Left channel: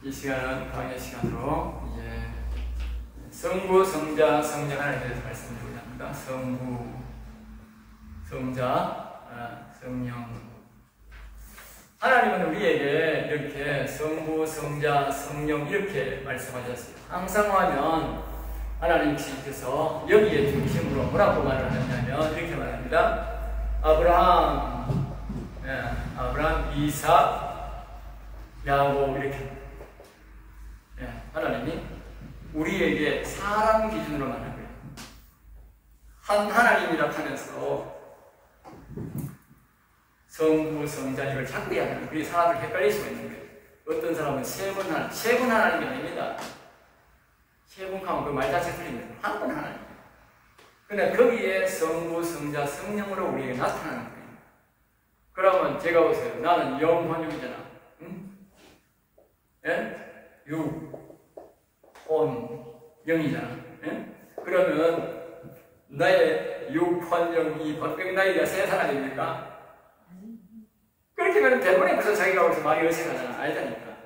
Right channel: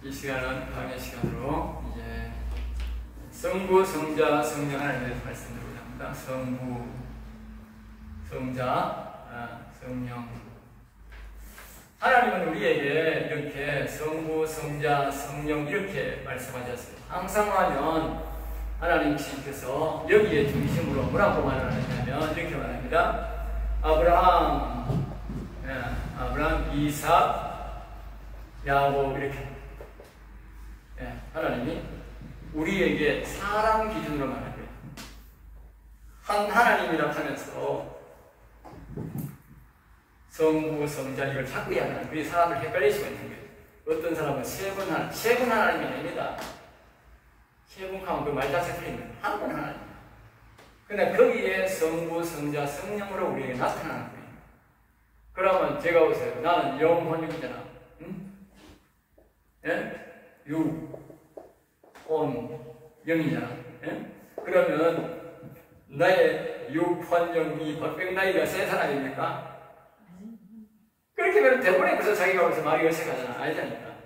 이 시간은 강의 시간으로 이제 성부, 성자, 성령 하나님에 대해서 말씀드리고자 합니다. 성부, 성자, 성령. 하나님은 우리에게 이렇게 성부, 성자, 성령 이렇게 말씀하셨어요. 항상 하면 하나님께서 여기에 중심으로 뭐라고 말을 하냐면 이렇게 말합니다. 아브라함, 이삭, 야곱 이렇게. 하나님이 우리에게 사람 기준으로 말하는 거예요. 한 하나님이라 하면서 성부, 성자 이걸 자꾸 이야기하는 우리 사람을 헷갈릴 수가 있는 거예요. 어떤 사람은 세 분 하나님이 아닙니다. 세 분 하면 그 말자체 틀린 거예요. 한 분 하나님. 그러나 거기에 성부, 성자, 성령으로 우리에게 나타나는 거예요. 그러면 제가 보세요. 나는 영혼육이잖아. 응? 예? 육, 혼, 영이잖아. 예? 그러면 나의 육, 혼, 영이 박병나이가 세 사람입니까? 그렇게 하면 대부분에 그래서 자기가 거기서 말이 어색하잖아. 아니다니까.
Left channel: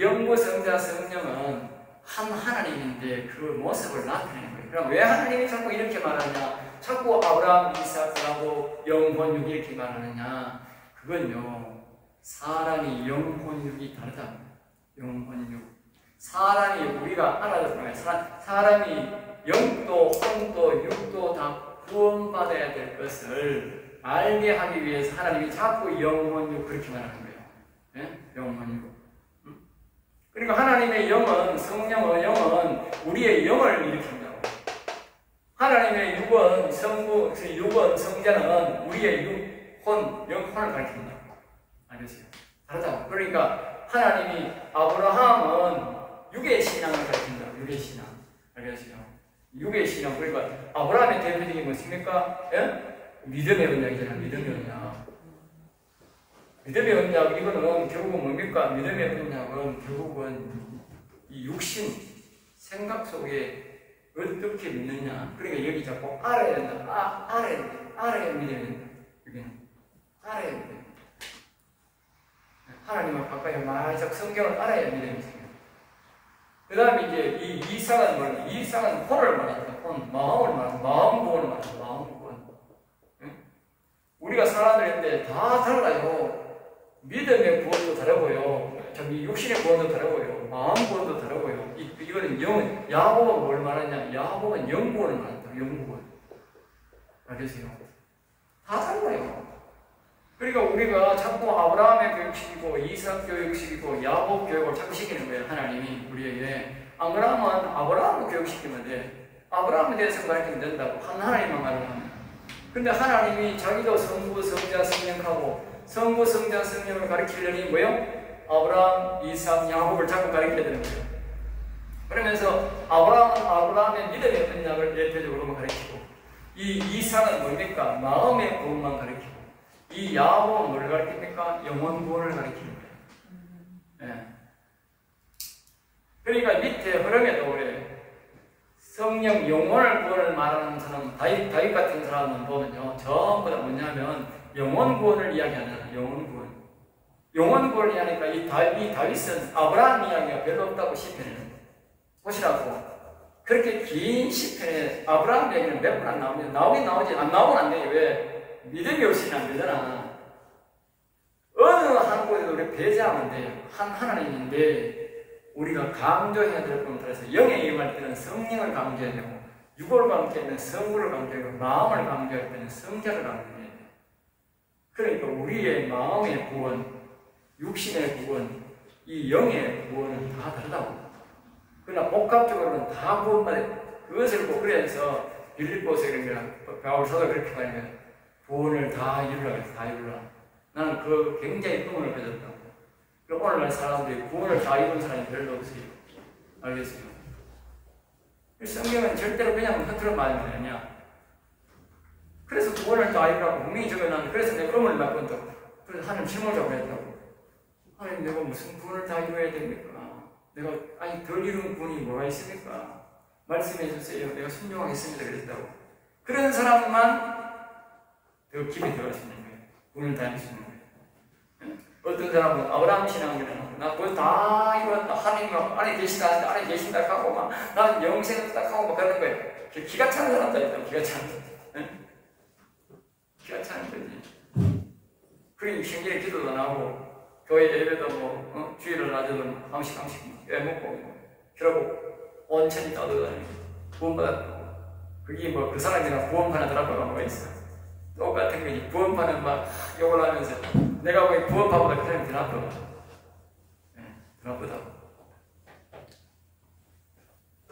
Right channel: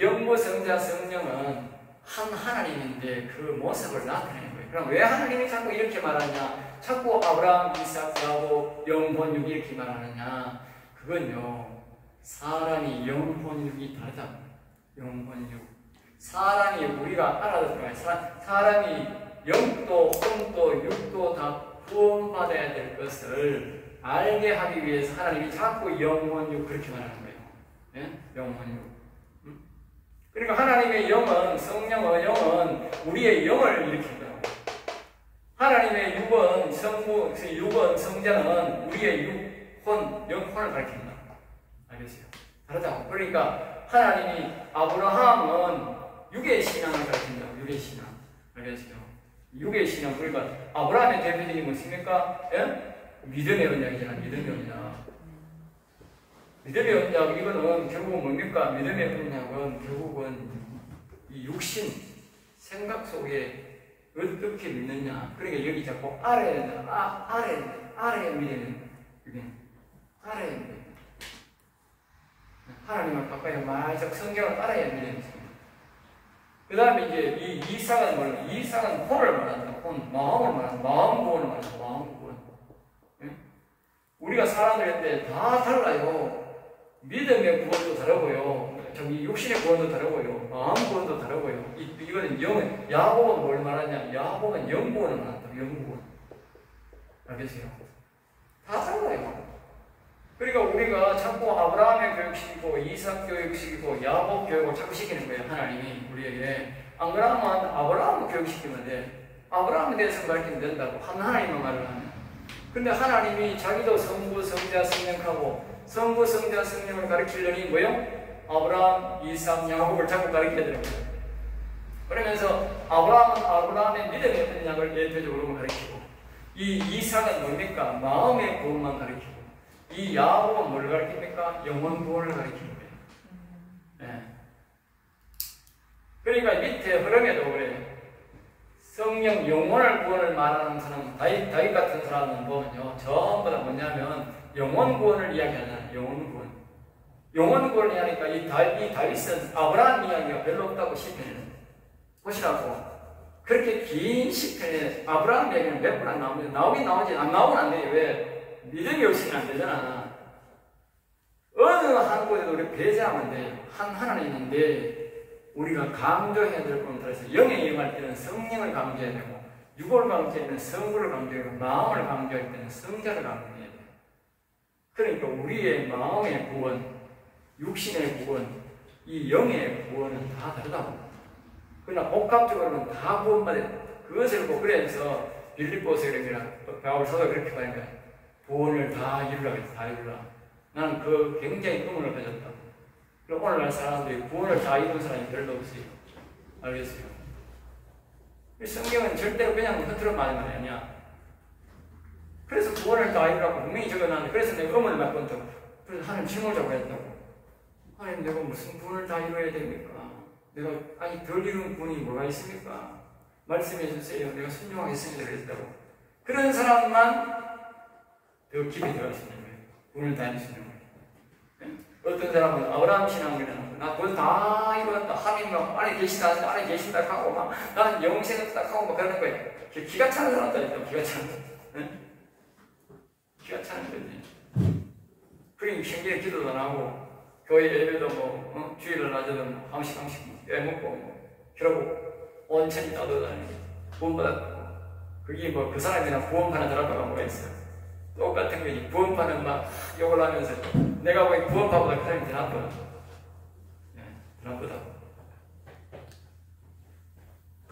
영부, 성자, 성령은 한 하나님인데 그 모습을 나타내는 거예요. 그럼 왜 하나님이 자꾸 이렇게 말하냐? 자꾸 아브라함, 이삭, 야곱, 영혼육이 이렇게 말하느냐? 그건요, 사람이 영혼육이 다르다. 영혼육. 사람이 우리가 알아듣는 사람이 영도, 혼도, 육도 다 구원받아야 될 것을 알게 하기 위해서 하나님이 자꾸 영혼육 그렇게 말하는 거예요. 예? 영혼육. 그러니까 하나님의 영은, 성령의 영은 우리의 영을 일으킨다고. 하나님의 육은, 육은, 성자는 우리의 육, 혼, 영혼을 가르친다고. 알겠어요? 다르다고. 그러니까 하나님이 아브라함은 육의 신앙을 가르친다고. 육의 신앙. 알겠어요? 육의 신앙. 그러니까 아브라함의 대표적인 것입니까? 예? 믿음의 언약이잖아. 믿음의 언약. 믿음의 언약, 이거는 결국은 뭡니까? 믿음의 언약은 결국은 이 육신, 생각 속에 어떻게 믿느냐. 그러니까 여기 자꾸 알아야 된다. 알아야 믿어야 된다. 알아야 된다. 하나님을 가까이 말짝 성경을 알아야 믿음이 있습니다. 그 다음에 이제 이 이삭은 뭐냐? 이삭은 혼을 말한다. 혼, 마음을 말한다. 마음 구원을 말한다. 마음 구원. 우리가 사람들인데 다 달라요. 믿음의 구원도 다르고요. 육신의 구원도 다르고요. 마음 구원도 다르고요. 이거는 야곱은 뭘 말하냐? 야곱은 영구원을 말한다. 영구원. 알겠어요? 다 달라요. 그러니까 우리가 자꾸 아브라함의 교육시키고 이삭 교육시키고 야곱 교육을 자꾸 시키는 거예요. 하나님이 우리에게. 안 그러면 아브라함을 교육시키면 돼. 아브라함에 대해서 가르치면 된다고. 한 하나님만 말을 하면. 근데 하나님이 자기도 성부, 성자, 성령하고 성부, 성자, 성령을 가르치려니 뭐예요? 아브라함, 이삭, 야곱을 자꾸 가르쳐야 되는 거예요. 그러면서 아브라함의 믿음의 언약을 대표적으로 가르치고 이 이삭은 뭡니까? 마음의 구원만 가르치고 이 야곱은 뭘 가르칩니까? 영혼 구원을 가르치는 거예요. 네. 그러니까 밑에 흐름에도 그래. 성령 영혼을 구원을 말하는 사람, 다윗 같은 사람은 보면요, 전부 다 뭐냐면 영혼 구원을 이야기하잖아요. 영혼 구원. 영혼 구원을 이야기하니까 이 다윗은 아브라함 이야기가 별로 없다고 시편에는. 보시라고. 그렇게 긴 시편에 아브라함 이야기는 몇 번 안 나오는데 나오긴 나오지. 안 나오면 안 돼요. 왜? 믿음이 없으면 안 되잖아. 어느 한 곳에도 우리 배제하면 돼요. 한 하나님인데 우리가 강조해야 될 부분에 따라서 영에 임할 때는 성령을 강조해야 되고 육을 강조할 때는 성부를 강조해야 되고 마음을 강조할 때는 성자를 강조해야 돼요. 그러니까 우리의 마음의 구원, 육신의 구원, 이 영의 구원은 다 다르다고. 그러나 복합적으로는 다 구원받아요. 그것을 보고 그래서 빌립보서 이런 게 바울서가 그렇게 말하는 거예요. 구원을 다 이루라고 해서 다 이루라. 나는 그 굉장히 꿈을 가졌다고. 그럼 오늘날 사람들이 구원을 다 이룬 사람이 별로 없어요. 알겠어요? 성경은 절대로 그냥 흐트러 말하는 게 아니야. 그래서 구원을 다 이루라고 분명히 적어놨는데 그래서 내가 음을 바꾼다고. 그래서 하나님 침묵자고 했다고. 하나님 내가 무슨 구원을 다 이루어야 됩니까? 내가 덜 이룬 구원이 뭐가 있습니까? 말씀해 주세요. 내가 순종하겠습니다. 그랬다고. 그런 사람만 더 깊이 들어갈 수 있는 거예요. 구원을 다 이룰 수 있는 거예요. 어떤 사람은 아브라함 신앙을 해놓고 나 그거 다 이뤘다. 하나님 안에 계시다. 안에 계신다 하고 막 나는 영생을 딱 하고 막 그러는 거예요. 기가 차는 사람도 있어요. 기가 차는 사람. 네? 기가 차는 거지. 그리고 생전에 기도도 안 하고 교회 예배도 뭐 주일을 낮에도 한식 먹고 뭐 그러고 온천히 따돌아다니고 구원받았고 그게 뭐 그 사람이나 구원파나 들어가가 뭐가 있어. 똑같은 거지. 구원파는 막 욕을 하면서 내가 왜 구원파보다 그 사람이 더 나쁘다. 더 나쁘다.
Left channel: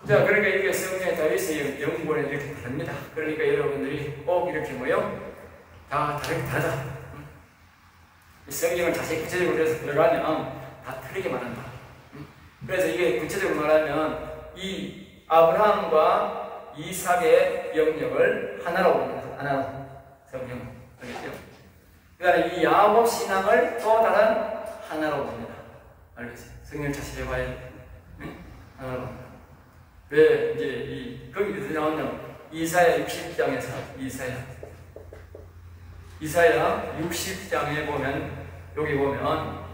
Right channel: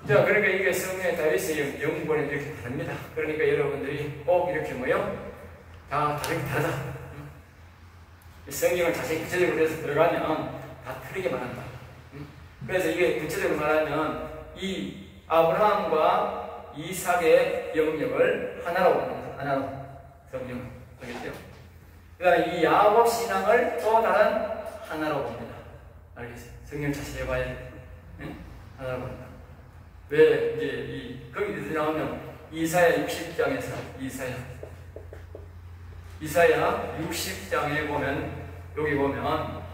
자, 그러니까 이게 성령의 다윗의 영본에 이렇게 다릅니다. 그러니까 여러분들이 꼭 이렇게 뭐요? 다 다르다. 성경을 자세히 구체적으로 해서 들어가면 다 틀리게 말한다. 그래서 이게 구체적으로 말하면 이 아브라함과 이삭의 영역을 하나로 봅니다. 하나로 성경 알겠죠? 그 다음에 이 야곱 신앙을 또 다른 하나로 봅니다. 알겠어요? 성경 자세히 봐야 돼. 하나로 봅니다. 왜 이제 거기서 나오는 이사야 60장에서 이사야 60장에 보면 여기 보면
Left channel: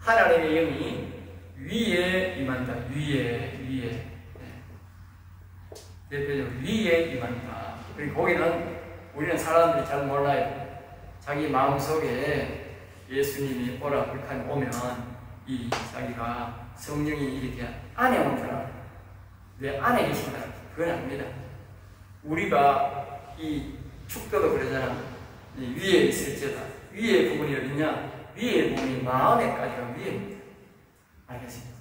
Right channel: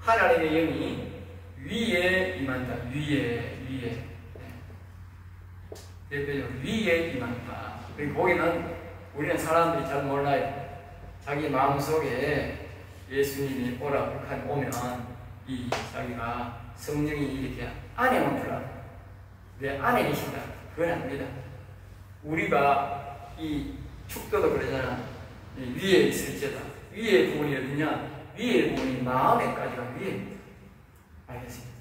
하나님의 영이 위에 임한다. 위에 대표적으로 위에 임한다. 그리고 거기는 우리는 사람들이 잘 몰라요. 자기 마음속에 예수님이 오라 그렇게 오면 이 자기가 성령이 이렇게 안에 오는 줄 알아요. 내 안에 계신다. 그건 아닙니다. 우리가 이 축도도 그러잖아. 위에 있을지어다. 위에 부분이 어디냐? 위에 부분이 마음에까지가 위에입니다. 알겠습니다.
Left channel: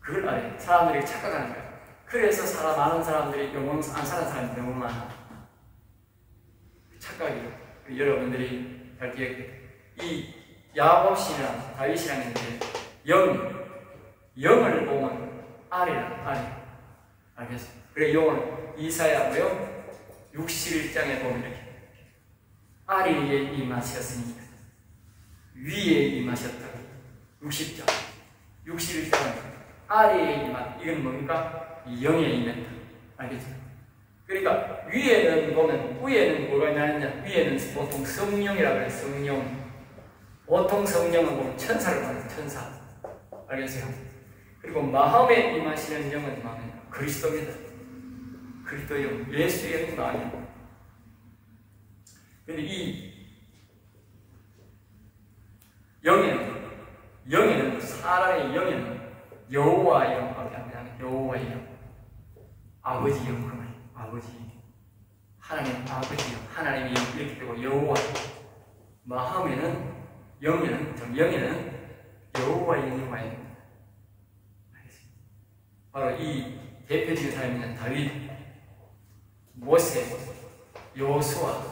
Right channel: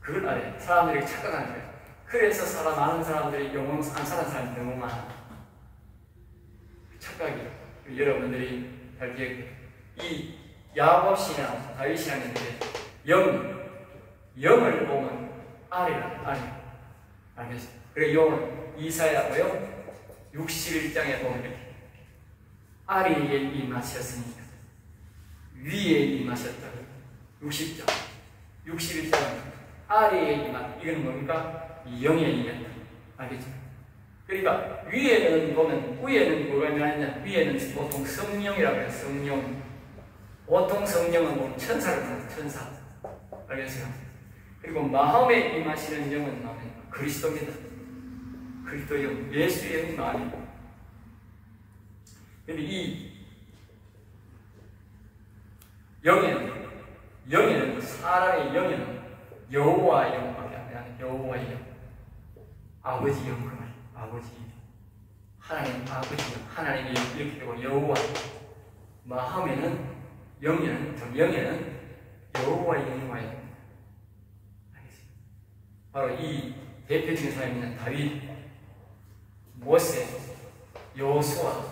그걸 알아요. 사람들이 착각하는 거예요. 그래서 많은 사람들이 영혼 안 사는 사람이 너무 많아. 착각이에요. 여러분들이 잘 기억해요. 이 야곱이나 다윗이라는 게 영을 보면 알이라. 알겠어요. 그리고 영을 이사야고요. 61장에 보면 이렇게 알이 임하셨으니까 위에 임하셨다고 60장 61장 알이 임한 이건 뭡니까? 영에 임했다. 알겠죠? 그러니까 위에는 보면 위에는 뭐가 있냐면 위에는 보통 성령이라고 해요. 성령. 보통 성령은 보면 천사를 말해요. 천사. 알겠어요? 그리고 마음에 임하시는 영은 그리스도입니다. 그리스도 영, 예수의 영은 아니고. 근데 이 영에는 사람의 영에는 여호와 영밖에 안 돼요. 여호와 영, 아버지 영, 아버지, 하나님 아버지 영, 하나님의 영 이렇게 되고 여호와 마음에는 영에는 여호와 영이 와야 됩니다. 바로 이 대표적인 사람이 다윗, 모세, 여호수아,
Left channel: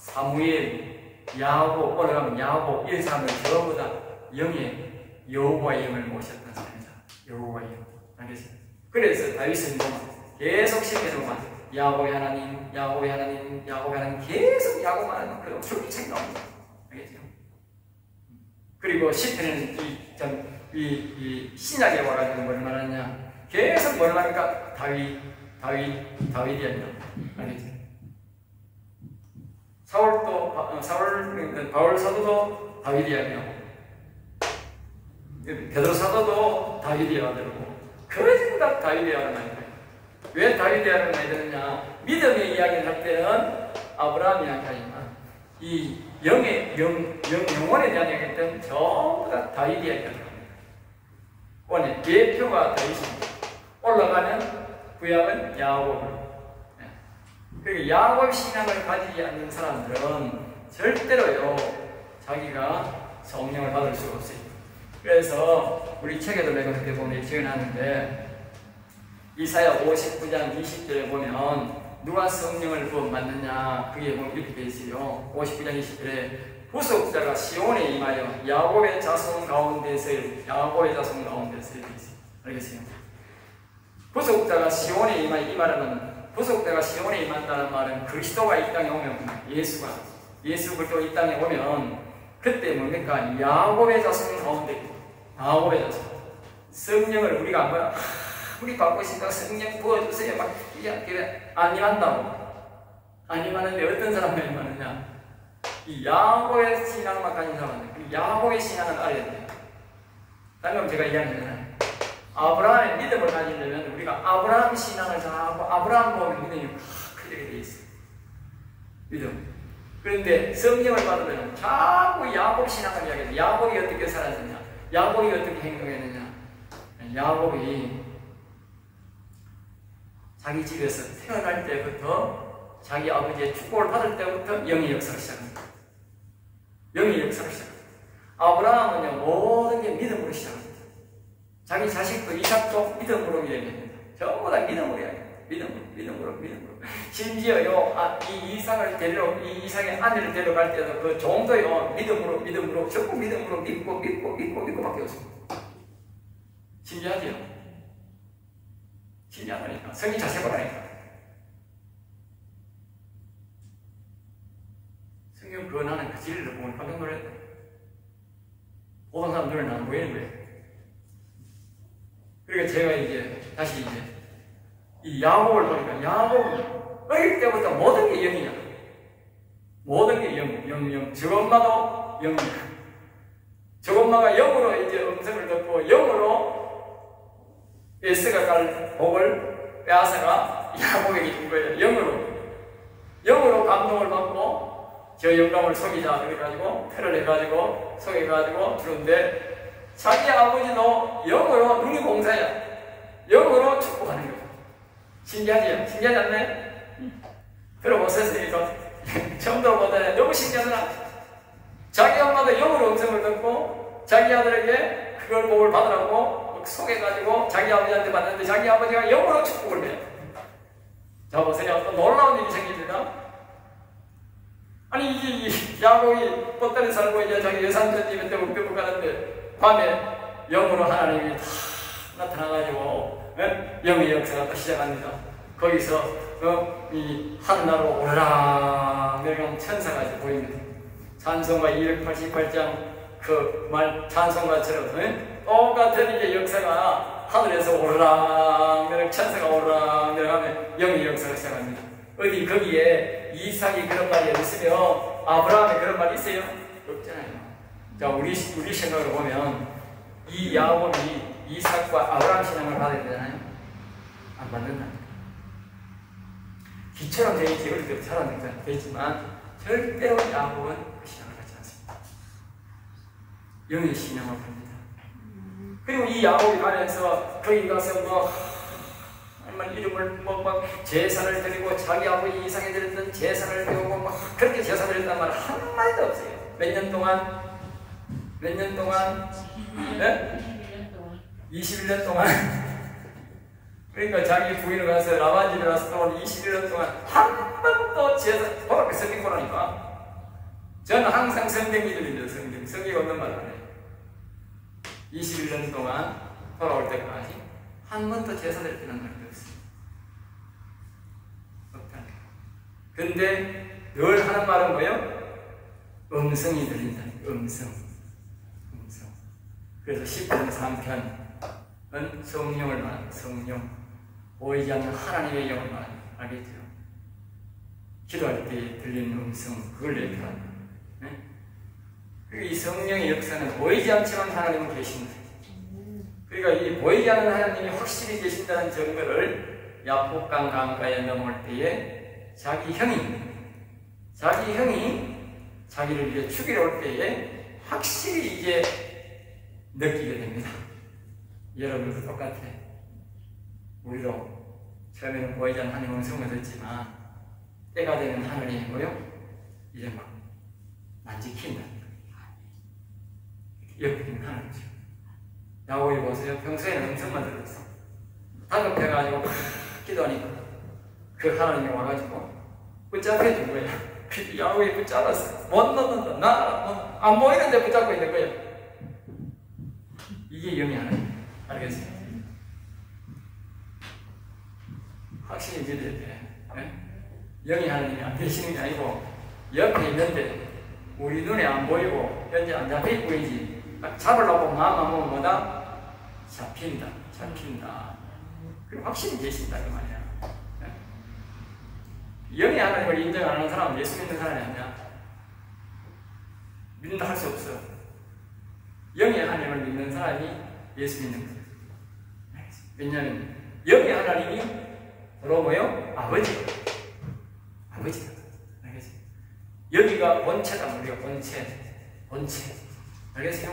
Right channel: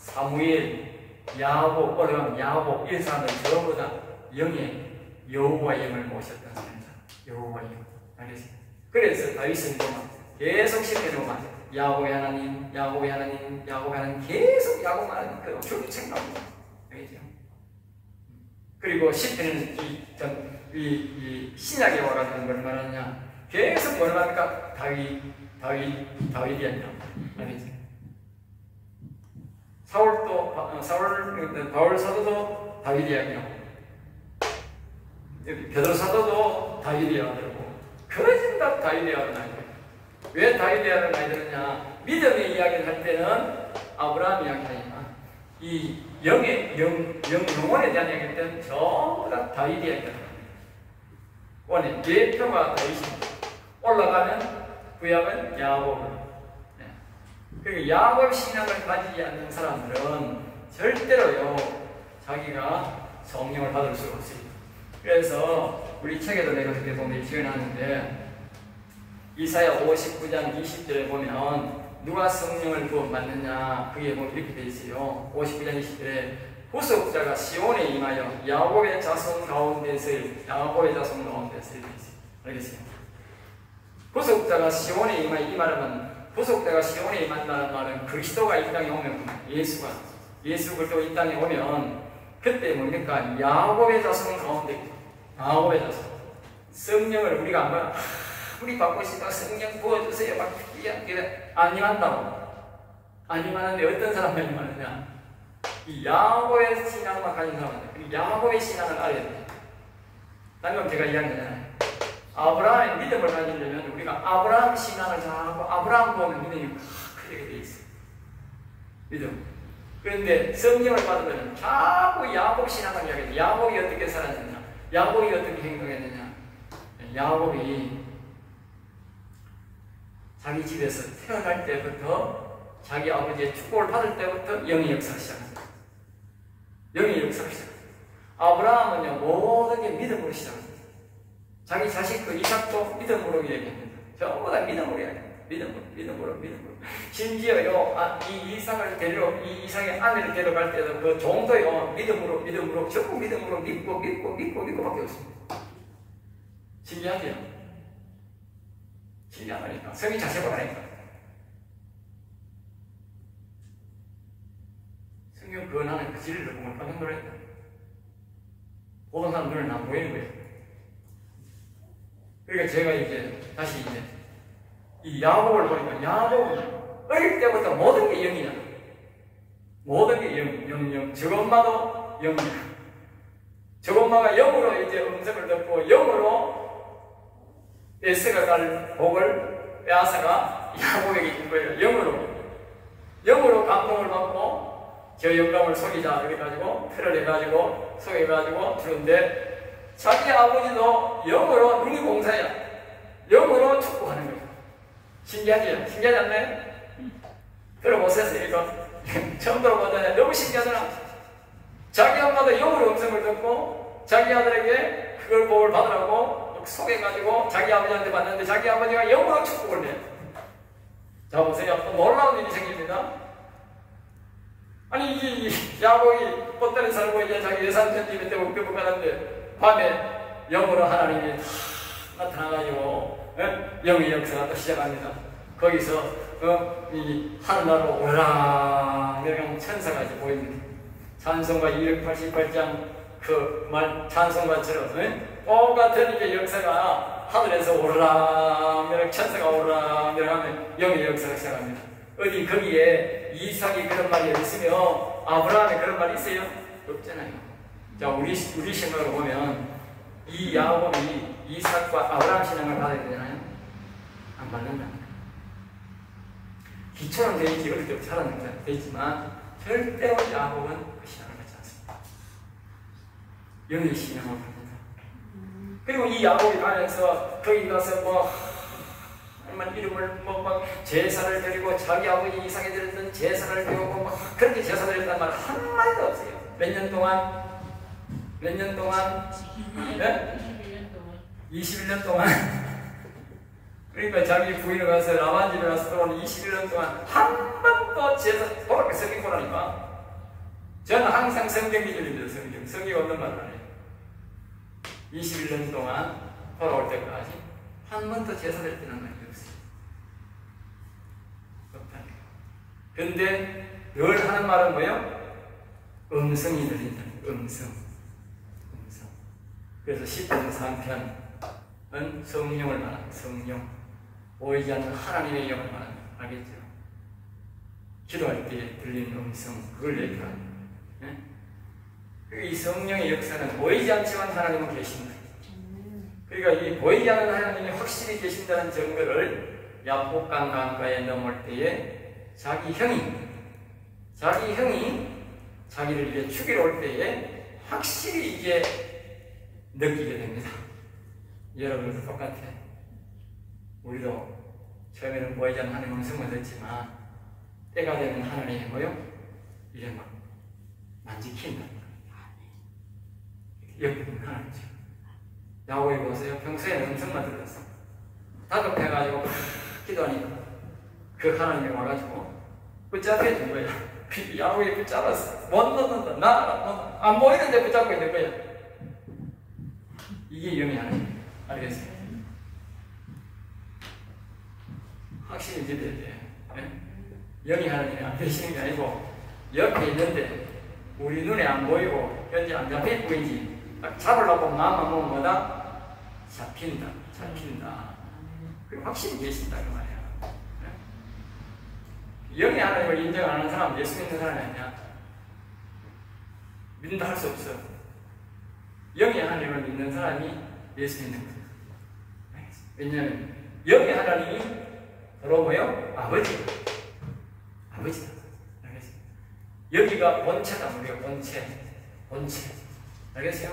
사무엘, 야곱, 올라가면 야곱 이런 사람들 전부 다 영의 여호와 영을 모셨던 사람이다. 여호와 영. 알겠어요? 그래서 다윗은 계속 시켜주면 야곱의 하나님, 야곱의 하나님, 야곱의 하나님 계속 야곱만 그 줄책 나옵니다. 알겠죠? 그리고 시편은 이 신약에 와가지고 뭘 말하냐? 계속 뭘 말합니까? 다윗이 아니라. 알겠죠? 바울 사도도 다윗이 아니라. 베드로 사도도 다윗이 아들고. 그런 다 다윗이 아들 나이 들어요. 왜 다윗이 아들 나이 드느냐? 믿음의 이야기를 할 때는 아브라함 이야기하지만 이 영혼에 대한 이야기할 때는 전부 다 다윗이 이야기합니다. 원래 대표가 다윗입니다. 올라가면 구약은 야곱. 그리고 야곱 신앙을 가지지 않는 사람들은 절대로요 자기가 성령을 받을 수 없어요. 그래서 우리 책에도 내가 그렇게 보면 적어놨는데 이사야 59장 20절에 보면 누가 성령을 부어받느냐 그게 보면 이렇게 되어 있어요. 59장 20절에 후속자가 시온에 임하여 야곱의 자손 가운데서 알겠어요? 후속자가 시온에 임하여 이 말은 후속자가 시온에 임한다는 말은 그리스도가 이 땅에 오면 예수 그리스도 이 땅에 오면 그때 뭡니까? 야곱의 자손 가운데 야곱의 자손 성령을 우리가 안 받아 우리 받고 싶다 성령 부어주세요 막 이게 안 임한다고 안 임하는데 어떤 사람들이 임하느냐 이 야곱의 신앙만 가진 사람들 야곱의 신앙을 알아야 돼요. 방금 제가 이야기했잖아요. 아브라함의 믿음을 가지려면 우리가 아브라함 신앙을 잘하고 아브라함 보면 믿음이 크게 돼 있어요. 믿음. 그런데 성령을 받으면 자꾸 야곱 신앙을 이야기해요. 야곱이 어떻게 살았느냐? 야곱이 어떻게 행동했느냐? 야곱이 자기 집에서 태어날 때부터 자기 아버지의 축복을 받을 때부터 영의 역사를 시작합니다. 영의 역사를 시작합니다. 아브라함은요, 모든 게 믿음으로 시작합니다. 자기 자식도 이삭도 믿음으로 얘기합니다. 전부 다 믿음으로 얘기합니다. 믿음으로. 심지어요, 이 이삭의 아내를 데려갈 때도 그 종도요, 믿음으로, 전부 믿음으로 믿고 밖에 없습니다. 신기하죠? 신기하다니까. 성인 자세 보라니까. 성경 변하는 그 진리를 보면 깜짝 놀라요. 보는 사람 눈에는 안 보이는 거예요. 그러니까 제가 다시 이 야곱을 보니까 야곱은 어릴 때부터 모든 게 영이야. 모든 게 영. 저 엄마도 영이야. 저 엄마가 영으로 음성을 듣고 영으로 에스가 갈 복을 야사가 야곱에게 준 거예요. 영으로 감동을 받고 저 영감을 속이자 그래가지고 틀을 해가지고 속여가지고 주는데 자기 아버지도 영으로 눈이 공사야. 영으로 축복하는 거예요. 신기하지? 신기하지 않나요? 들어보셨어요? 이거? 처음 들어보잖아요. 너무 신기하더라. 자기 엄마도 영으로 음성을 듣고 자기 아들에게 그걸 복을 받으라고 속여가지고 자기 아버지한테 받는데 자기 아버지가 영으로 축복을 해요. 자, 보세요. 또 놀라운 일이 생깁니다. 아니, 이 야곱이 뻗대를 살고 이제 자기 예산편집에 때 우편국 가는데 밤에 영으로 하나님이 나타나가지고 영의 역사가 또 시작합니다. 거기서 이 하늘나라로 오르락 내려가는 천사가 보입니다. 찬송가 288장 그 말 찬송가처럼 똑같은 이게 역사가 하늘에서 오르락 내려 천사가 오르락 내려가면 영의 역사가 시작합니다. 어디 거기에 이삭이 그런 말이 있으며 아브라함이 그런 말이 있어요? 없잖아요. 자, 우리 생각으로 보면 이 야곱이 이삭과 아브라함 신앙을 받아야 되잖아요. 안 받는다. 기처럼 되어 있지, 어릴 때부터 자라는 게 되지만 절대로 야곱은 그 신앙을 갖지 않습니다. 영의 신앙을 받는다. 그리고 이 야곱이 가면서 거기 가서 하나님 이름을 제사를 드리고 자기 아버지 이삭에 드렸던 제사를 드리고 그렇게 제사 드렸단 말 한마디도 없어요. 몇 년 동안? 21년 동안. 그러니까 자기 부인을 가서 라반 집에 가서 또 21년 동안 한 번도 제사 그렇게 성경 보라니까. 저는 항상 성경 믿음인데 성경 없는 말을 안 해요. 21년 동안 돌아올 때까지 한 번도 제사 드릴 때는 말이 없어요. 없다니까. 근데 늘 하는 말은 뭐예요? 음성이 들린다. 음성. 그래서 10편 3편은 성령을 말합니다. 성령. 보이지 않는 하나님의 영을 말합니다. 알겠죠? 기도할 때 들리는 음성, 그걸 얘기합니다. 이 성령의 역사는 보이지 않지만 하나님은 계신다. 그러니까 이 보이지 않는 하나님이 확실히 계신다는 증거를 야복강 강가에 넘을 때에 자기 형이 자기를 이제 죽이러 올 때에 확실히 이제 느끼게 됩니다. 여러분도 똑같아. 우리도 처음에는 보이지 않는 하나님의 음성을 듣지만 때가 되면 하나님이 뭐요? 이제 막 만지킨다. 옆에 있는 하나님이죠. 야곱이 보세요. 평소에는 음성만 들었어. 다급해가지고 기도하니까 그 하나님이 와가지고 붙잡혀 준 거야. 야곱이 붙잡았어. 못 넣는다. 나 안 보이는데 붙잡고 있는 거야. 이게 영이 하나님. 알겠어요? 확실히 믿어야 돼. 영이 하나님이 안 되시는 게 아니고 옆에 있는데 우리 눈에 안 보이고 현재 안 잡혀 보이지. 딱 잡으려고 마음만 먹으면 뭐다? 잡힌다. 그리고 확실히 계신다 그 말이야. 영이 하나님을 인정 안 하는 사람은 예수 믿는 사람이 아니야. 믿는다 할 수 없어. 영이 하나님을 믿는 사람이 예수 믿는 것. 왜냐하면 영의 하나님이 바로 뭐요? 아버지다. 알겠어요? 여기가 본체다. 우리가 본체. 알겠어요?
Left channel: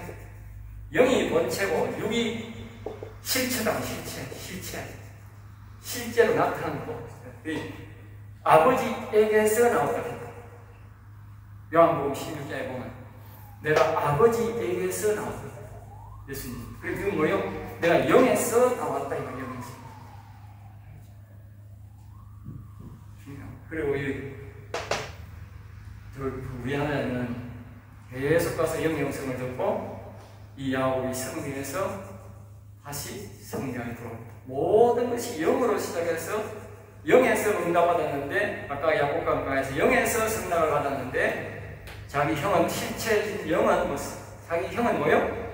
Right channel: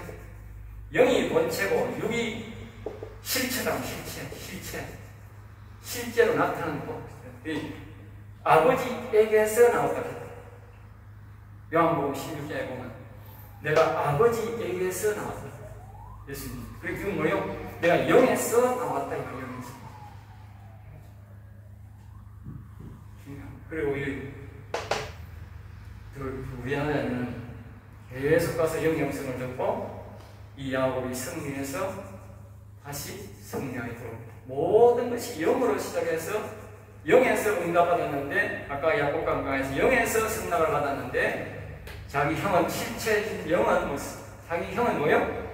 영이 본체고 육이 실체다. 실제로 나타나는 거. 아버지에게서 나왔다. 요한복음 16장에 보면 내가 아버지에게서 나왔다. 예수님. 그리고 그건 뭐예요? 내가 영에서 나왔다. 이거 영에서. 그리고 우리 하나는 계속 가서 영의 음성을 듣고 이 야곱이 성령에서 다시 성령에 들어옵니다. 모든 것이 영으로 시작해서 영에서 응답받았는데 아까 야곱 강가에서 영에서 승낙을 받았는데 자기 형은 실체인 영은 자기 형은 뭐요?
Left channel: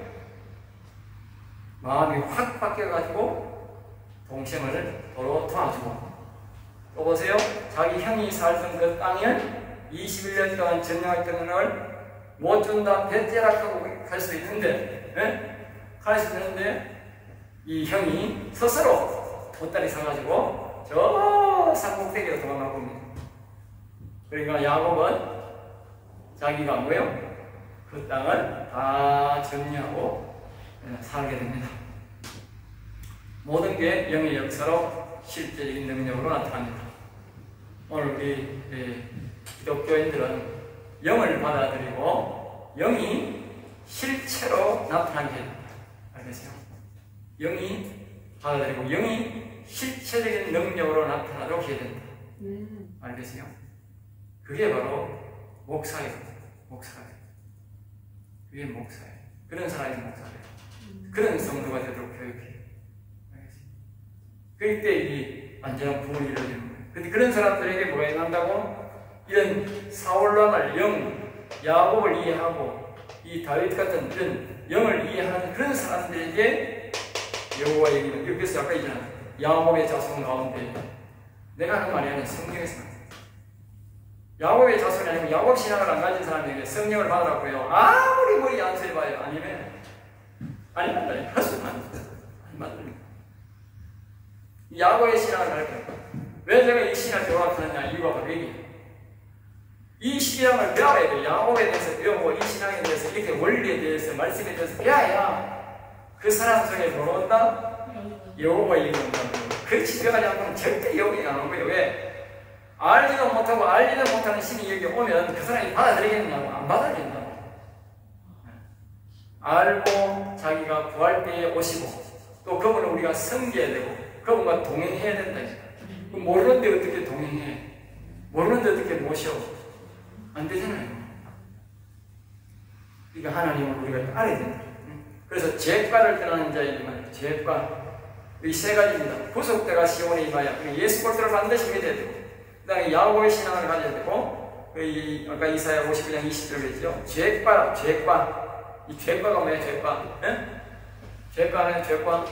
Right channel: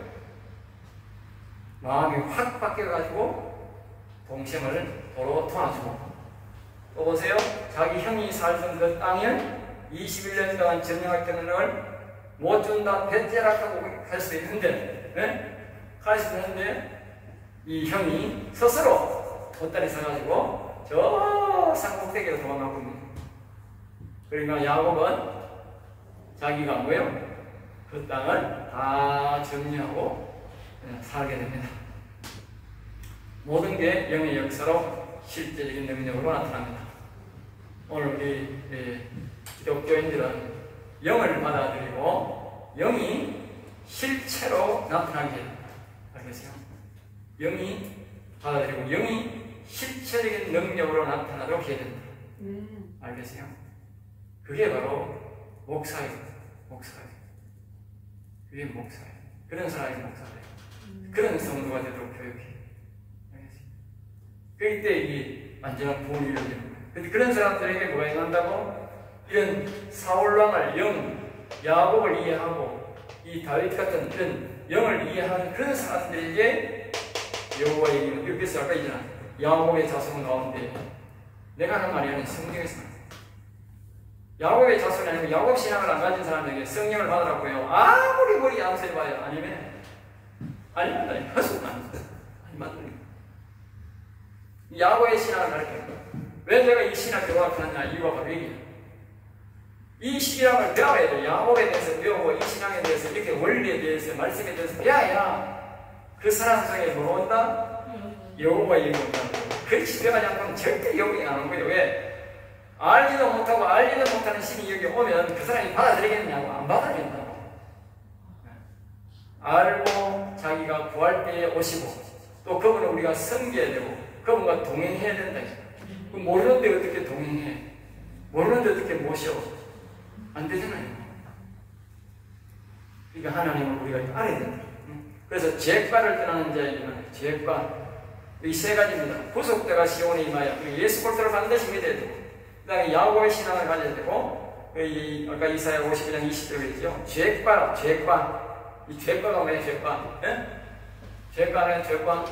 마음이 확 바뀌어가지고 동생을 도로 도와주고 또 보세요. 자기 형이 살던 그 땅을 21년 동안 전쟁했던 걸 못 준다 배째락하고 갈 수도 있는데 갈 수도 있는데 이 형이 스스로 보따리 사가지고 저 산꼭대기로 도망가고 있는 거예요. 그러니까 야곱은 자기가 뭐예요? 그 땅을 다 정리하고 살게 됩니다. 모든 게 영의 역사로 실제적인 능력으로 나타납니다. 오늘 우리 기독교인들은 영을 받아들이고 영이 실체로 나타나게 됩니다. 알겠어요? 영이 받아들이고 영이 실체적인 능력으로 나타나도록 해야 됩니다. 알겠어요? 그게 바로 목사예요. 그게 목사예요. 그런 사람이 목사예요. 그런 성도가 되도록 교육해요. 알겠어요? 그럴 때 이 완전한 부흥이 이루어지는 거예요. 근데 그런 사람들에게 뭐가 일어난다고? 이런 사울왕을 야곱을 이해하고 이 다윗 같은 이런 영을 이해하는 그런 사람들에게 여호와 얘기는 그래서 아까 있잖아. 야곱의 자손 가운데 내가 하는 말이 아니라 성경에서 나와요. 야곱의 자손이 아니고 야곱 신앙을 안 가진 사람에게 성령을 받으라고요. 아무리 머리 양수해봐요. 아니면 할 수는 아니면 야곱의 신앙을 할게요. 왜 제가 이 신앙을 배워하느냐 이유가 바로 이 신앙을 배워야 돼요. 야곱에 대해서 배우고 이 신앙에 대해서 이렇게 원리에 대해서 말씀에 대해서 배워야 그 사람 속에 뭐가 온다? 여호와 얘기가 온다는 거예요. 그렇지 배워가지 않고는 절대 여호와 안 오는 거예요. 왜? 알지도 못하고 알지도 못하는 신이 여기 오면 그 사람이 받아들이겠냐고 안 받아들인다고. 알고 자기가 구할 때에 오시고 또 그분을 우리가 섬겨야 되고 그분과 동행해야 된다. 모르는데 어떻게 동행해? 모르는데 어떻게 모셔? 안 되잖아요. 그러니까 하나님을 우리가 알아야 된다. 그래서 죄과를 떠나는 자이지만 죄과 이 세 가지입니다. 구속대가 시온에 임하여 예수 그리스도를 반드시 믿어야 되고 그 다음에 야곱의 신앙을 가져야 되고 아까 이사야 51장 20절에 있죠. 죄과 이 죄과가 뭐예요? 죄과는 죄과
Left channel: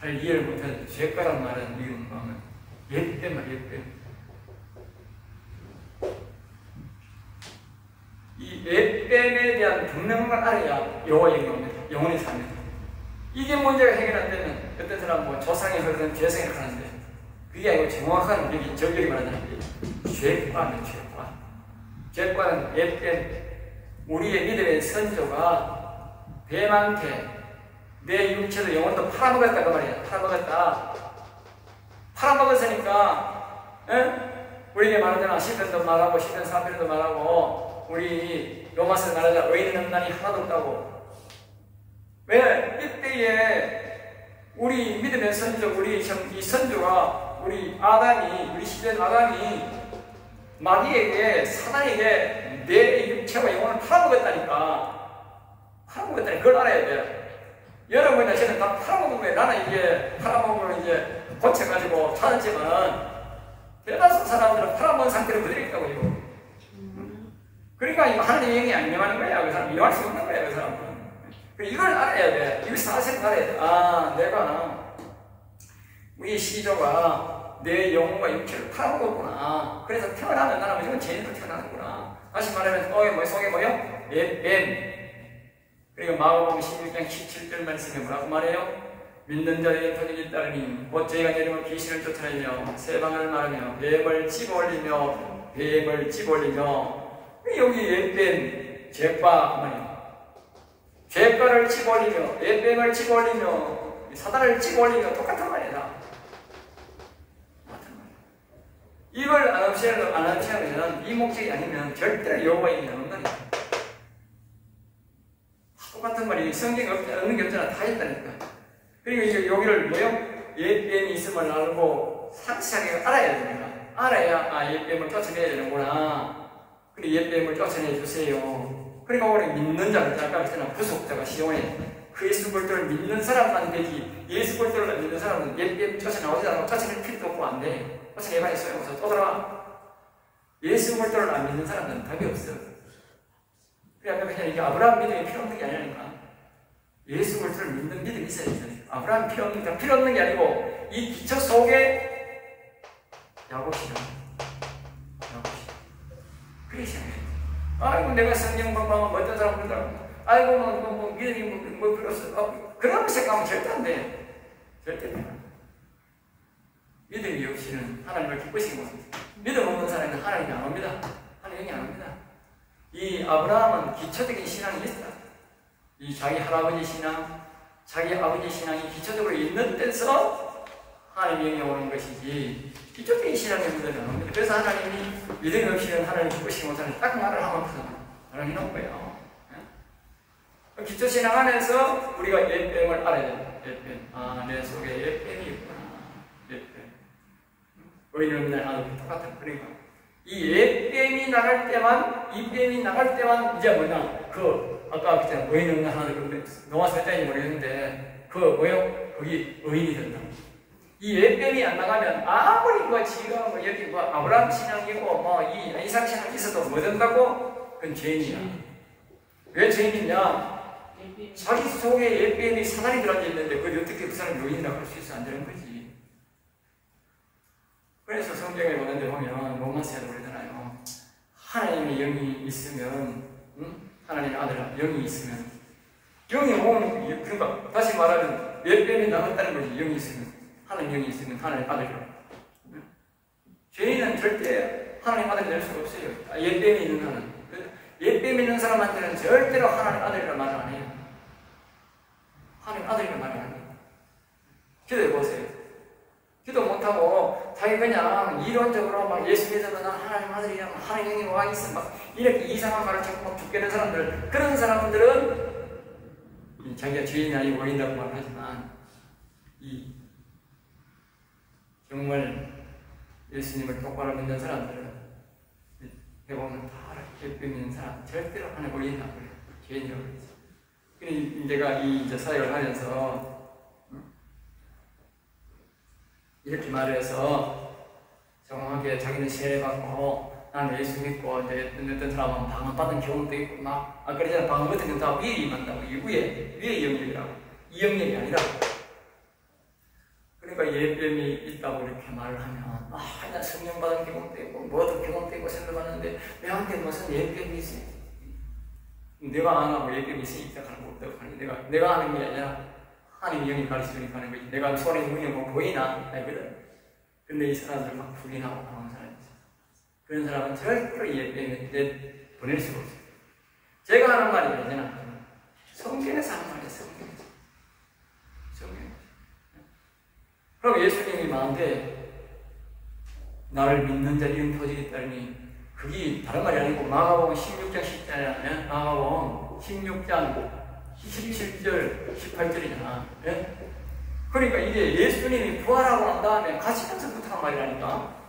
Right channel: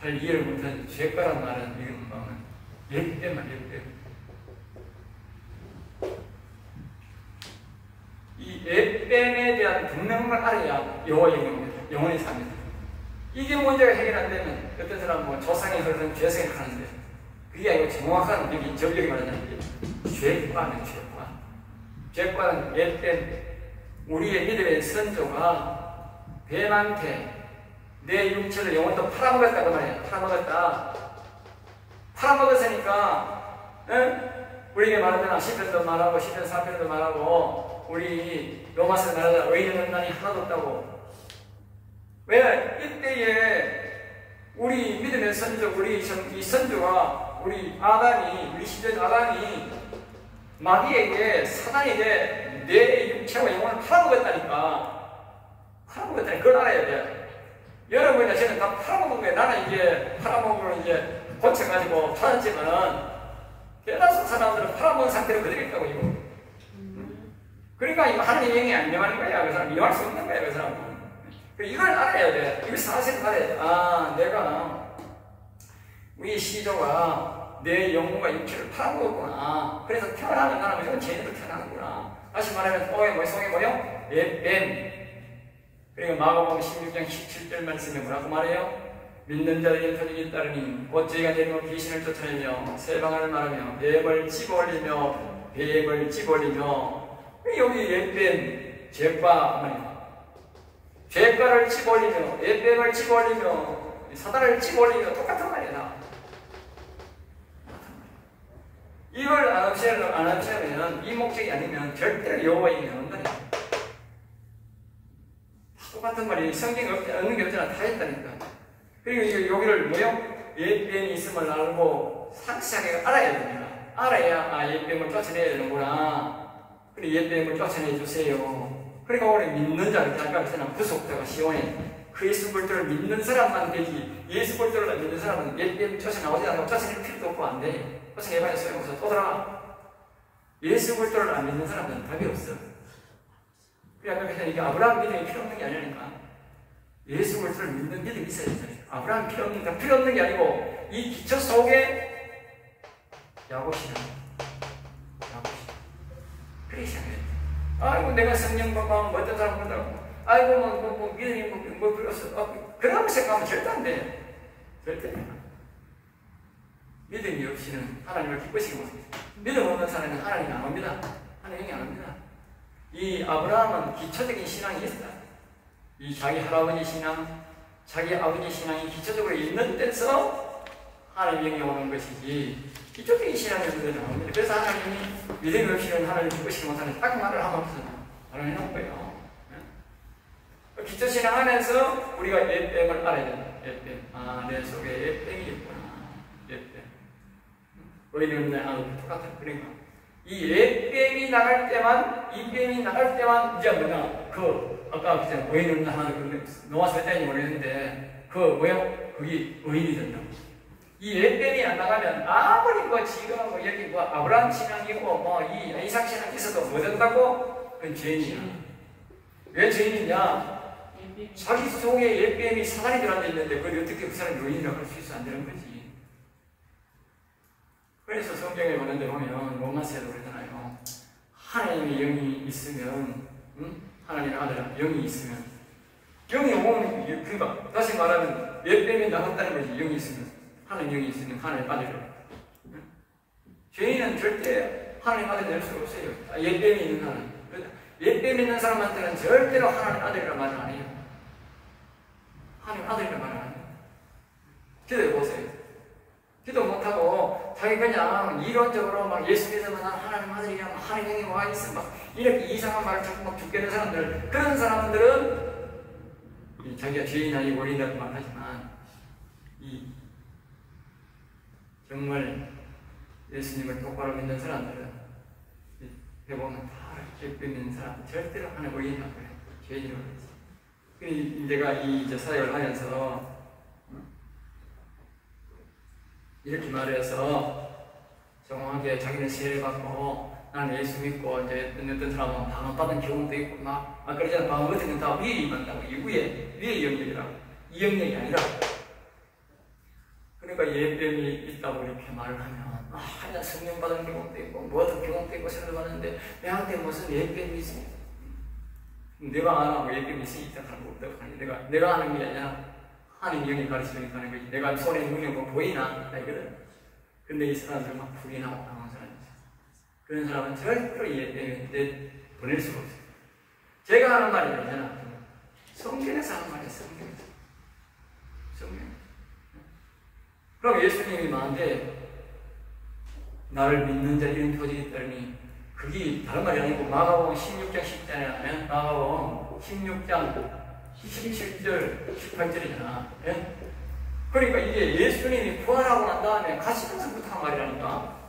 잘 이해를 못하는 죄과라는 말은 이건 뭐냐면 옛뱀 이 옛뱀에 대한 분명을 알아야 여호와의 영입니다. 영원히 삽니다. 이게 문제가 해결 안 되면 어떤 사람은 뭐 조상의 그런 죄 생각하는데 그게 아니고 정확한 여기 저기 말하는 게 죄과는 죄과는 옛뱀 우리의 믿음의 선조가 뱀한테 내 육체도 영혼도 팔아먹었다 그 말이야. 팔아먹었으니까 우리에게 말하잖아. 시편도 말하고 시편 4편도 말하고 우리 로마서 말하자 의인 없나니 하나도 없다고. 왜? 이때에 우리 믿음의 선조 우리 이 선조가 우리 시편 아담이 마귀에게 사단에게 내 육체와 영혼을 팔아먹었다니까. 그걸 알아야 돼. 여러분이나 저는 다 팔아먹은 거예요. 나는 이제 팔아먹은 걸 이제 고쳐가지고 팔았지만 대다수 사람들은 팔아먹은 상태로 그대로 있다고 이거. 그러니까 이거 하나님의 영이 안 명하는 거야. 그 사람 이용할 수 없는 거야. 그 사람은. 이걸 알아야 돼. 이걸 사실을 알아야 돼. 아, 내가 우리 시조가 내 영혼과 육체를 팔아먹었구나. 그래서 태어나면 나는 이런 죄인으로 태어나는구나. 다시 말하면 속에 뭐요? 뱀. 그리고 마가복음 16장 17절 말씀에 뭐라고 말해요? 믿는 자의 터지기 따르니 곧 저희가 내리면 귀신을 쫓아내며 새 방언을 말하며 뱀을 집어올리며 여기 뱀 죄과 말이에요. 죄과를 집어올리며 뱀을 집어올리며 사단을 집어올리며 똑같은 말이다. 이걸 안 하시면 이 목적이 아니면 절대로 여호와의 이름이 안 온다니까. 똑같은 말이 성경에 없는 게 없잖아. 다 있다니까. 그리고 여기를 뭐요? 뱀이 있음을 알고 상세하게 알아야 됩니다. 알아야 뱀을 쫓아내야 되는구나. 그리고 뱀을 쫓아내 주세요. 그러니까 우리 믿는 자, 아까 그랬잖아. 부속자가 시원해. 그 예수 그리스도를 믿는 사람만 되지. 예수 그리스도를 믿는 사람은 뱀 쫓아나오지 않고 쫓아낼 필요도 없고 안 돼. 쫓아내봐야 소용없어. 또 돌아와. 예수 그리스도를 안 믿는 사람은 답이 없어. 그러니까 이게 아브라함 믿음이 필요 없는 게 아니라니까. 예수 그리스도를 믿는 믿음이 있어야 돼. 아브라함 필요 없는 게 아니고 이 기초 속에 야곱이요. 그래 생각해. 아이고 내가 성령 공부하면 어떤 사람 그러더라고. 아이고 뭐 믿음이 뭐 필요 없어. 그런 생각하면 절대 안 돼. 절대 안 돼. 믿음이 없이는 하나님을 기쁘시고 믿음 없는 사람은 하나님이 안 옵니다. 하나님이 안 옵니다. 이 아브라함은 기초적인 신앙이 있다. 이 자기 할아버지 신앙, 자기 아버지 신앙이 기초적으로 있는 데서 하나님의 영이 오는 것이지 기초적인 신앙이 없는 데는 안 옵니다. 그래서 하나님이 믿음이 없이는 하나님 기쁘시지 못하는 딱 말을 하면서 하나님 해놓은 거예요. 기초 신앙 안에서 우리가 뱀을 알아야 된다. 뱀. 내 속에 뱀이 있구나. 뱀. 의인 없는 하나님 똑같은. 그러니까 이 뱀이 나갈 때만 이제 뭐냐 아까 그때 의인 없는 하나님 노아서 했다는지 모르겠는데 거기 의인이 된다. 이 뱀이 안 나가면 아무리 지금 여기 아브라함 신앙이고 이 이삭 신앙이 있어도 뭐 된다고? 그건 죄인이야. 왜 죄인이냐? 자기 속에 뱀이 사단이 들어앉아 있는데 그걸 어떻게 그 사람이 의인이라고 할 수 있어? 안 되는 거지. 그래서 성경에 보는 데 보면 로마서에도 그러잖아요. 하나님의 영이 있으면 하나님의 아들아 영이 있으면 영이 오면 그러니까 다시 말하면 뱀이 나갔다는 거지. 영이 있으면 하나님 영이 있으면 하나님 아들이라. 죄인은 절대 하나님 아들 될 수가 없어요. 뱀이 있는 사람. 뱀이 있는 사람한테는 절대로 하나님 아들이라 말을 안 해요. 하나님 아들이라 말을 안 해요. 기도해 보세요. 기도 못하고 자기 그냥 이론적으로 막 예수 믿으면 하나님 아들이랑 하나님 영이 와 있어 막 이렇게 이상한 말을 자꾸 막 듣게 되는 사람들, 그런 사람들은 자기가 죄인이 아니고 어린다고 말하지만 정말 예수님을 똑바로 믿는 사람들은 해보면 다 이렇게 믿는 사람 절대로 하나님 어린다고 그래요. 죄인이라고 그러지. 그러니 내가 이제 사역을 하면서 이렇게 말해서 정확하게 자기는 세례 받고 나는 예수 믿고 이제 어떤 사람은 방언 받은 경험도 있고 막 그러잖아. 방언 같은 건 다 위에 임한다고. 이 위에 영역이라고. 이 영역이 아니라고. 그러니까 예뱀이 있다고 이렇게 말을 하면 나 성령 받은 경험도 있고 뭐든 경험도 있고 생각하는데 내한테 무슨 예뱀이 있어? 내가 안 하고 예뱀이 있으니까 하는 거 없다고 하니 내가 하는 게 아니라 하나님 영이 가르치니까 하는 거지. 내가 손에 눈이 뭐 보이나? 아니거든. 근데 이 사람들 막 불이 나고 당한 사람이지. 그런 사람은 절대로 예배에 보낼 수가 없어요. 제가 하는 말이 아니잖아. 성경에서 하는 말이야. 성경에서. 그럼 예수님이 말한데 나를 믿는 자 이런 표적이 따르니 그게 다른 말이 아니고 마가복음 16장 10절에 하면 마가복음 16장 17절, 18절이잖아. 예? 그러니까 이게 예수님이 부활하고 난 다음에 가시면서부터 한 말이라니까.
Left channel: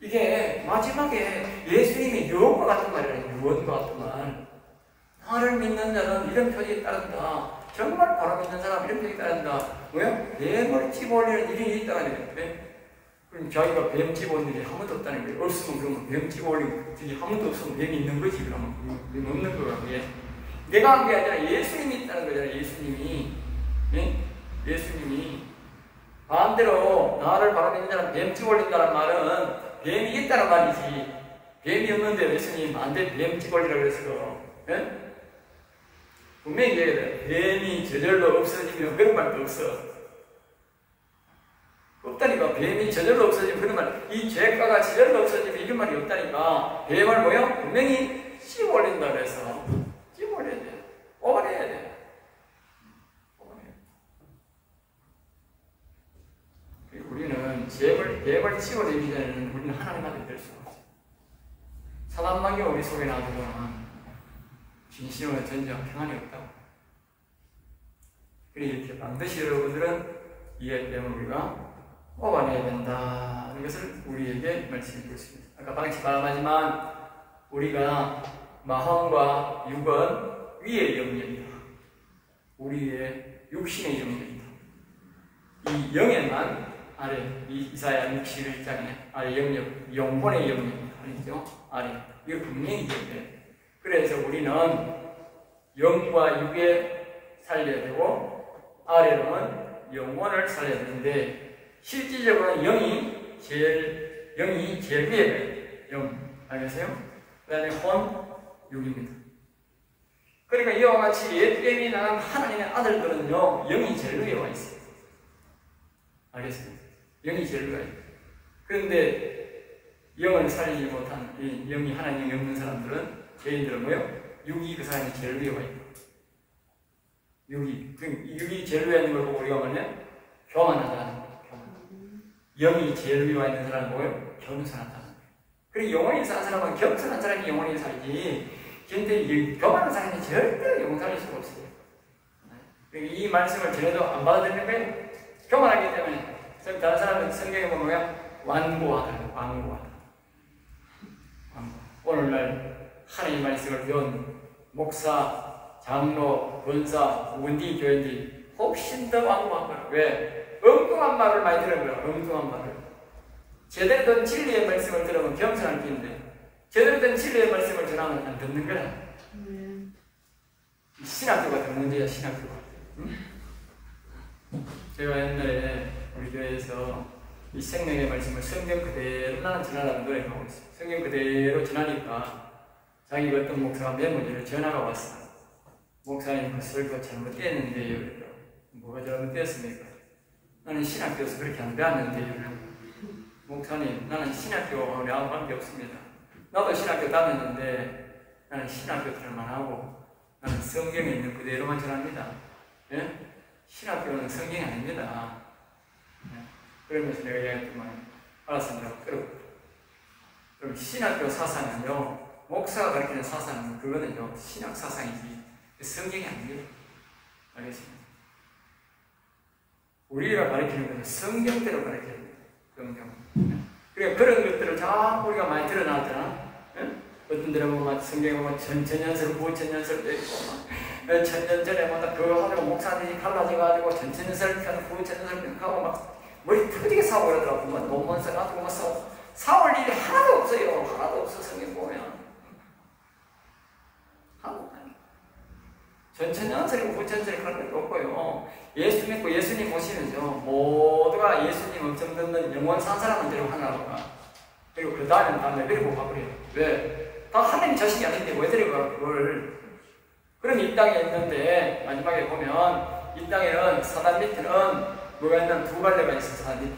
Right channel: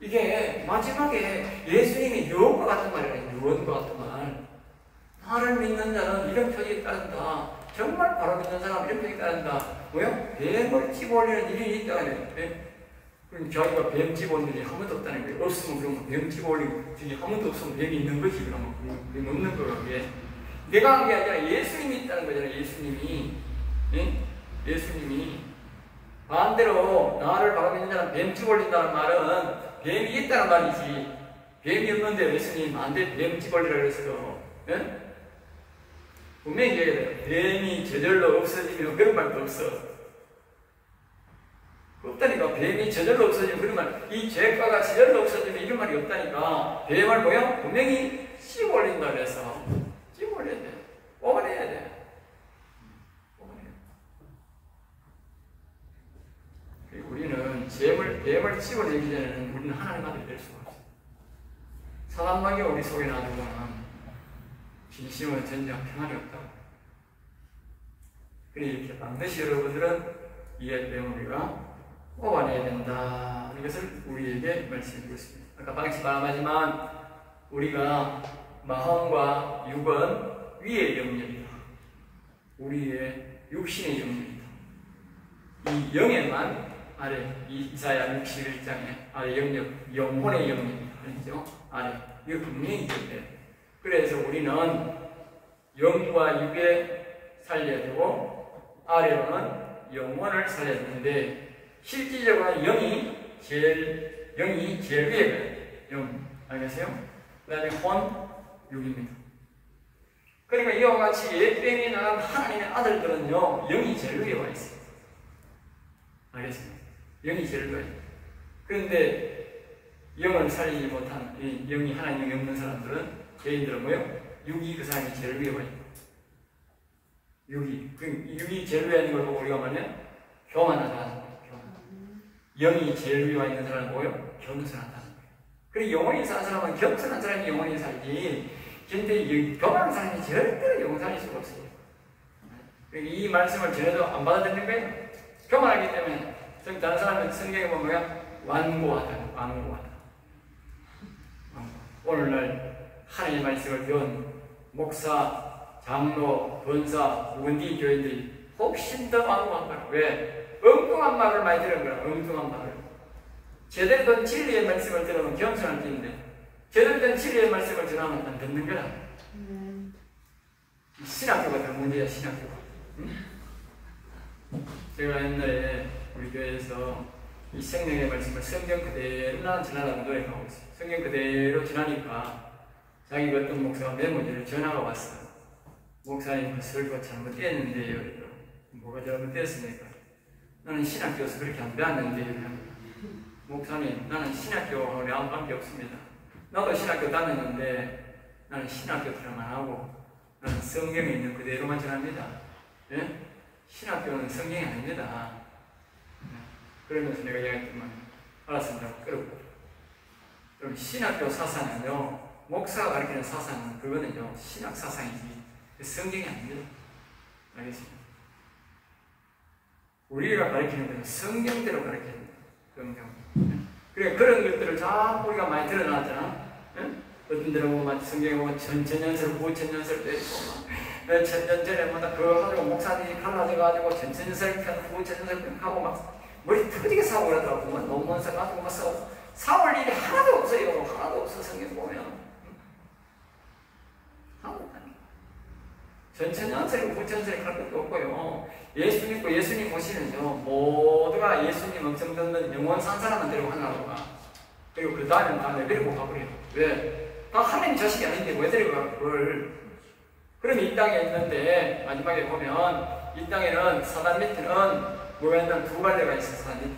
이게 마지막에 예수님이 유언과 같은 말이라니까. 유언과 같은 말. 나를 믿는 자는 이런 표적이 따른다. 정말 바로 믿는 사람 이런 표적이 따른다. 뭐야? 뱀을 집어올리는 일이 있다는 거예요. 그럼 자기가 뱀 집어올리는 일이 한 번도 없다는 거예요. 없으면 그러면 뱀 집어올리는 일이 한 번도 없으면 뱀이 있는 거지. 그러면 뱀 없는 거야. 그게. 내가 한 게 아니라 예수님이 있다는 거잖아요. 예수님이. 예? 예수님이. 반대로 나를 바라보는 자는 뱀 집어올린다는 말은 뱀이 있다는 말이지. 뱀이 없는데 예수님 안돼 뱀 찍어올리라 그랬어. 예? 분명히 뱀이 저절로 없어지면 그런 말도 없어. 없다니까. 뱀이 저절로 없어지면 그런 말, 이 죄가가 저절로 없어지면 이런 말이 없다니까. 뱀을 뭐야? 분명히 씹어올린다 그래서 씹어올려야 돼. 뽑아내야 돼. 뽑아내야 돼. 그리고 우리는 뱀을 씹어내기 전에는 우리는 하나님 아들이 될 수가 없어. 사단마귀가 우리 속에 놔두고는 진심은 전쟁 평안이 없다고. 그래 이렇게 반드시 여러분들은 이 뱀을 우리가 뽑아내야 된다. 이것을 우리에게 말씀해 주었습니다. 아까 방치 말하지만 우리가 마음과 육은 위의 영역이다. 우리의 육신의 영역이다. 이 영에만 아래, 이사야 61장에 아래 영역, 영혼의 영역이다. 알죠? 아래. 이거 분명히 있는데. 그래서 우리는 영과 육에 살려야 되고 아래로는 영혼을 살려야 되는데 실질적으로는 영이 제일 위에 가요. 영. 알겠어요? 그 다음에 혼, 육입니다. 그러니까 이와 같이 옛뱀이 나간 하나님의 아들들은요, 영이 제일 위에 와 있어요. 알겠습니다? 영이 제일 위에. 그런데 영을 살리지 못한, 영이 하나님이 없는 사람들은, 개인들은 뭐예요? 육이 그 사람이 제일 위에 와 있고. 육이 제일 위에 있는 걸 보고 우리가 뭐냐? 교만하다. 영이 제일 위에 와 있는 사람은 뭐예요? 겸손하다는 거예요. 그리고 영혼이 사는 사람은 겸손한 사람이 영혼이 살지, 근데 교만한 사람이 절대 영혼 살릴 수가 없어요. 이 말씀을 전에도 안 받아들이는 거예요. 교만하기 때문에. 다른 사람은 성경에 보면 뭐야? 완고하다. 오늘날 하나님의 말씀을 배운 목사, 장로, 권사, 원디, 교인들이 훨씬 더 완고한 거야. 왜? 엉뚱한 말을 많이 들은 거야. 엉뚱한 말을. 제대로 된 진리의 말씀을 들으면 겸손할 게 있는데 제대로 된 진리의 말씀을 전하면 안 듣는 거라. 신학교가 더 문제야. 신학교가. 응? 제가 옛날에 우리 교회에서 이 생명의 말씀을 성경 그대로 나는 전하라는 노력을 하고 있어요. 성경 그대로 전하니까 자기가 어떤 목사가 메모지를 전화가 왔어요. 목사님 그 설교 잘못됐는데요. 뭐가 잘못됐습니까? 나는 신학교에서 그렇게 안 배웠는데, 목사님, 나는 신학교하고 아무 관계 없습니다. 나도 신학교 다녔는데, 나는 신학교 들은 안 하고, 나는 성경에 있는 그대로만 전합니다. 예? 신학교는 성경이 아닙니다. 예? 그러면서 내가 이야기했더만, 알았습니다. 그럼 신학교 사상은요, 목사가 가르치는 사상은 그거는요, 신학 사상이지, 성경이 아닙니다. 알겠습니다? 우리가 가르치는 것은 성경대로 가르쳐야 됩니다. 성경. 그래, 그런 것들을 자꾸 우리가 많이 드러나잖아. 응? 어떤 데는 보면 성경에 보면 전천연설, 후천연설도 있고, 천년 전에 그거 가지고 목사님이 갈라져가지고 전천연설 편, 후천연설 하고 막 머리 터지게 사고 그러더라고. 논문 써가지고 막 사올 일이 하나도 없어요. 하나도 없어, 성경 보면. 하나도 없어요. 전천연설이고 후천연설이 할 것도 없고요. 예수 믿고 예수님 모시면서 모두가 예수님 엄청 듣는 영원 산 사람만 데리고 하나라고 가. 그리고 그 다음에 다 내버리고 가버려요. 왜? 다 하나님 자식이 아닌데 왜 데리고 가, 그걸. 그럼 이 땅에 있는데, 마지막에 보면, 이 땅에는 사단 밑에는 뭐가 있냐면 두 갈래가 있어, 사단 밑에.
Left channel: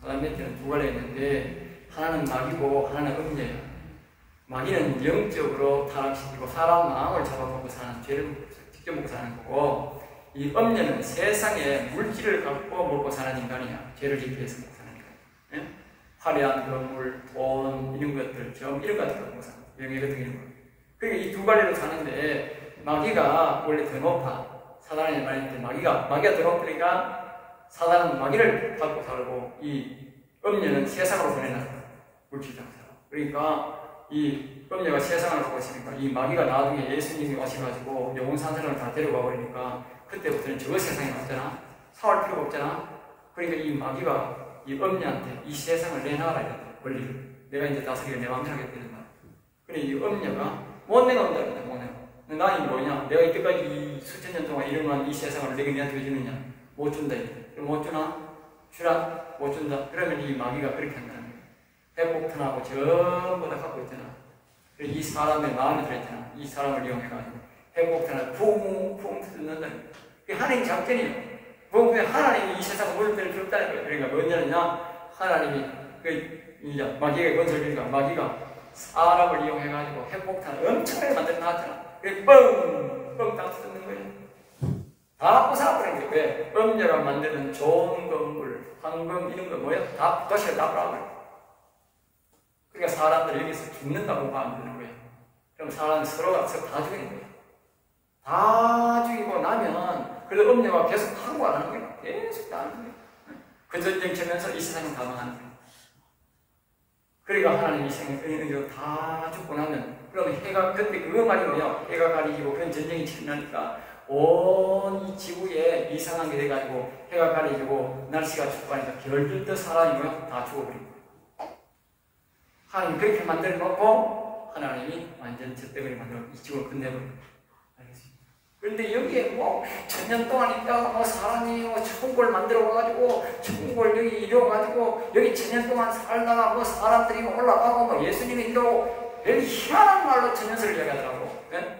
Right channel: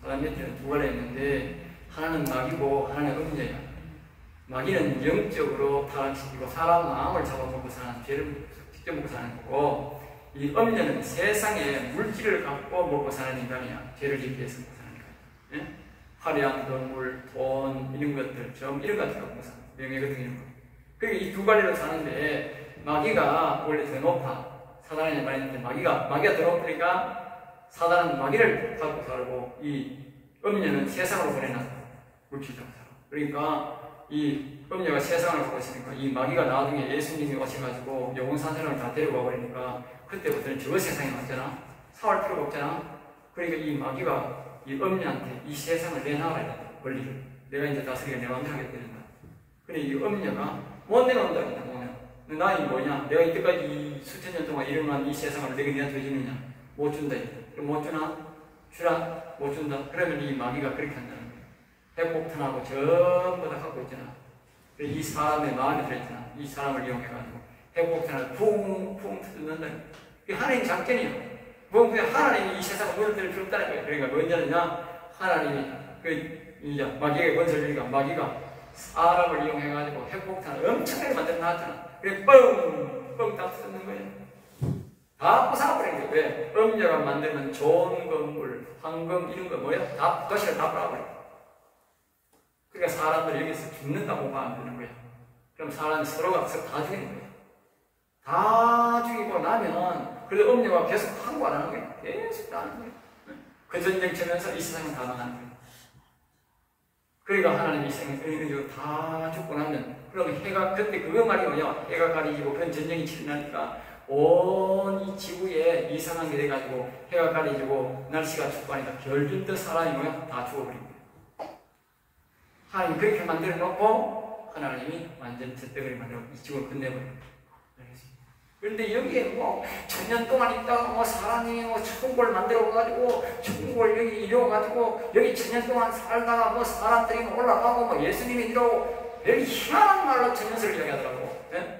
사단 밑에는 두 갈래 있는데, 하나는 마귀고, 하나는 음녀야. 마귀는 영적으로 타락시키고, 사람 마음을 잡아먹고 사는, 죄를 직접 먹고 사는 거고, 이 음녀는 세상에 물질을 갖고 먹고 사는 인간이야. 죄를 짓기 위해서 먹고 사는 인간. 예? 화려한 건물, 돈, 이런 것들, 점, 이런 것들 갖고 사는 명예 같은 이런 거. 그리고 이 두 가지로 사는데, 마귀가 원래 더 높아. 사단이 말했는데, 마귀가 더 높으니까, 사단은 마귀를 갖고 살고, 이 음녀는 세상으로 보내놨어. 물질장 살아. 그러니까, 이 음녀가 세상을 갖고 있으니까, 이 마귀가 나중에 예수님이 오셔가지고, 영혼 산 사람을 다 데려가 버리니까, 그때부터는 저 세상에 맞잖아. 사올 필요가 없잖아. 그러니까 이 마귀가 이 음녀한테 이 세상을 내놔라. 권리를. 내가 이제 다스리게 내 마음대로 하겠다. 그래, 이 음녀가 못 내놓는다. 못 내놔. 나이 뭐냐? 내가 이때까지 수천 년 동안 이름만 이 세상을 내게 내한테 주느냐? 못 준다. 그럼 못 주나? 주라? 못 준다. 그러면 이 마귀가 그렇게 한다는 거예요. 회복탄하고 전부 다 갖고 있잖아. 이 사람의 마음에 들었잖아. 이 사람을 이용해가지고 회복탄을 쿵쿵 뜯는다는 거야. 하나님 작전이에요. 뭐 그냥 하나님이 이 세상을 물들을 줬다는 거예요. 그러니까 언제냐 하나님이 이제 마귀가 건설되니까 마귀가 사람을 이용해가지고 회복탄을 엄청나게 만들어 놨잖아. 그게 뻥뻥 다 뜯는 거예요. 다 부숴버린 거예요. 왜? 음녀가 만드는 좋은 건물, 황금 이런 거 뭐야? 다 도시를 다 부숴버려. 그러니까 사람들이 여기서 죽는다고 만드는 거예요. 그럼 사람이 서로가 서로 다 죽이는 거예요. 다 죽이고 나면 그래도 음녀가 계속 항고 안 하는 거예요. 계속 다 하는 거예요. 그 전쟁 치면서 이 세상은 다 망하는 거예요. 그러니까 하나님이 이 세상을 다 죽고 나면 그러면 해가 그때 그거 말이 뭐냐? 해가 가리지고 그런 전쟁이 치러나니까 온 이 지구에 이상한 게 돼가지고 해가 가리지고 날씨가 춥고 하니까 결들도 사람이 다 죽어버린 거예요. 하나님이 그렇게 만들어 놓고 하나님이 완전 젖대거리 만들어 이 지구를 끝내버려요. 그런데 여기에 뭐 천년 동안 있다가 뭐 사람이 뭐 천국을 만들어 가지고 천국을 여기 이뤄가지고 여기 천년 동안 살다가 뭐 사람들이 올라가고 뭐 예수님이 이러고 여기 희한한 말로 천년설을 이야기하더라고. 예?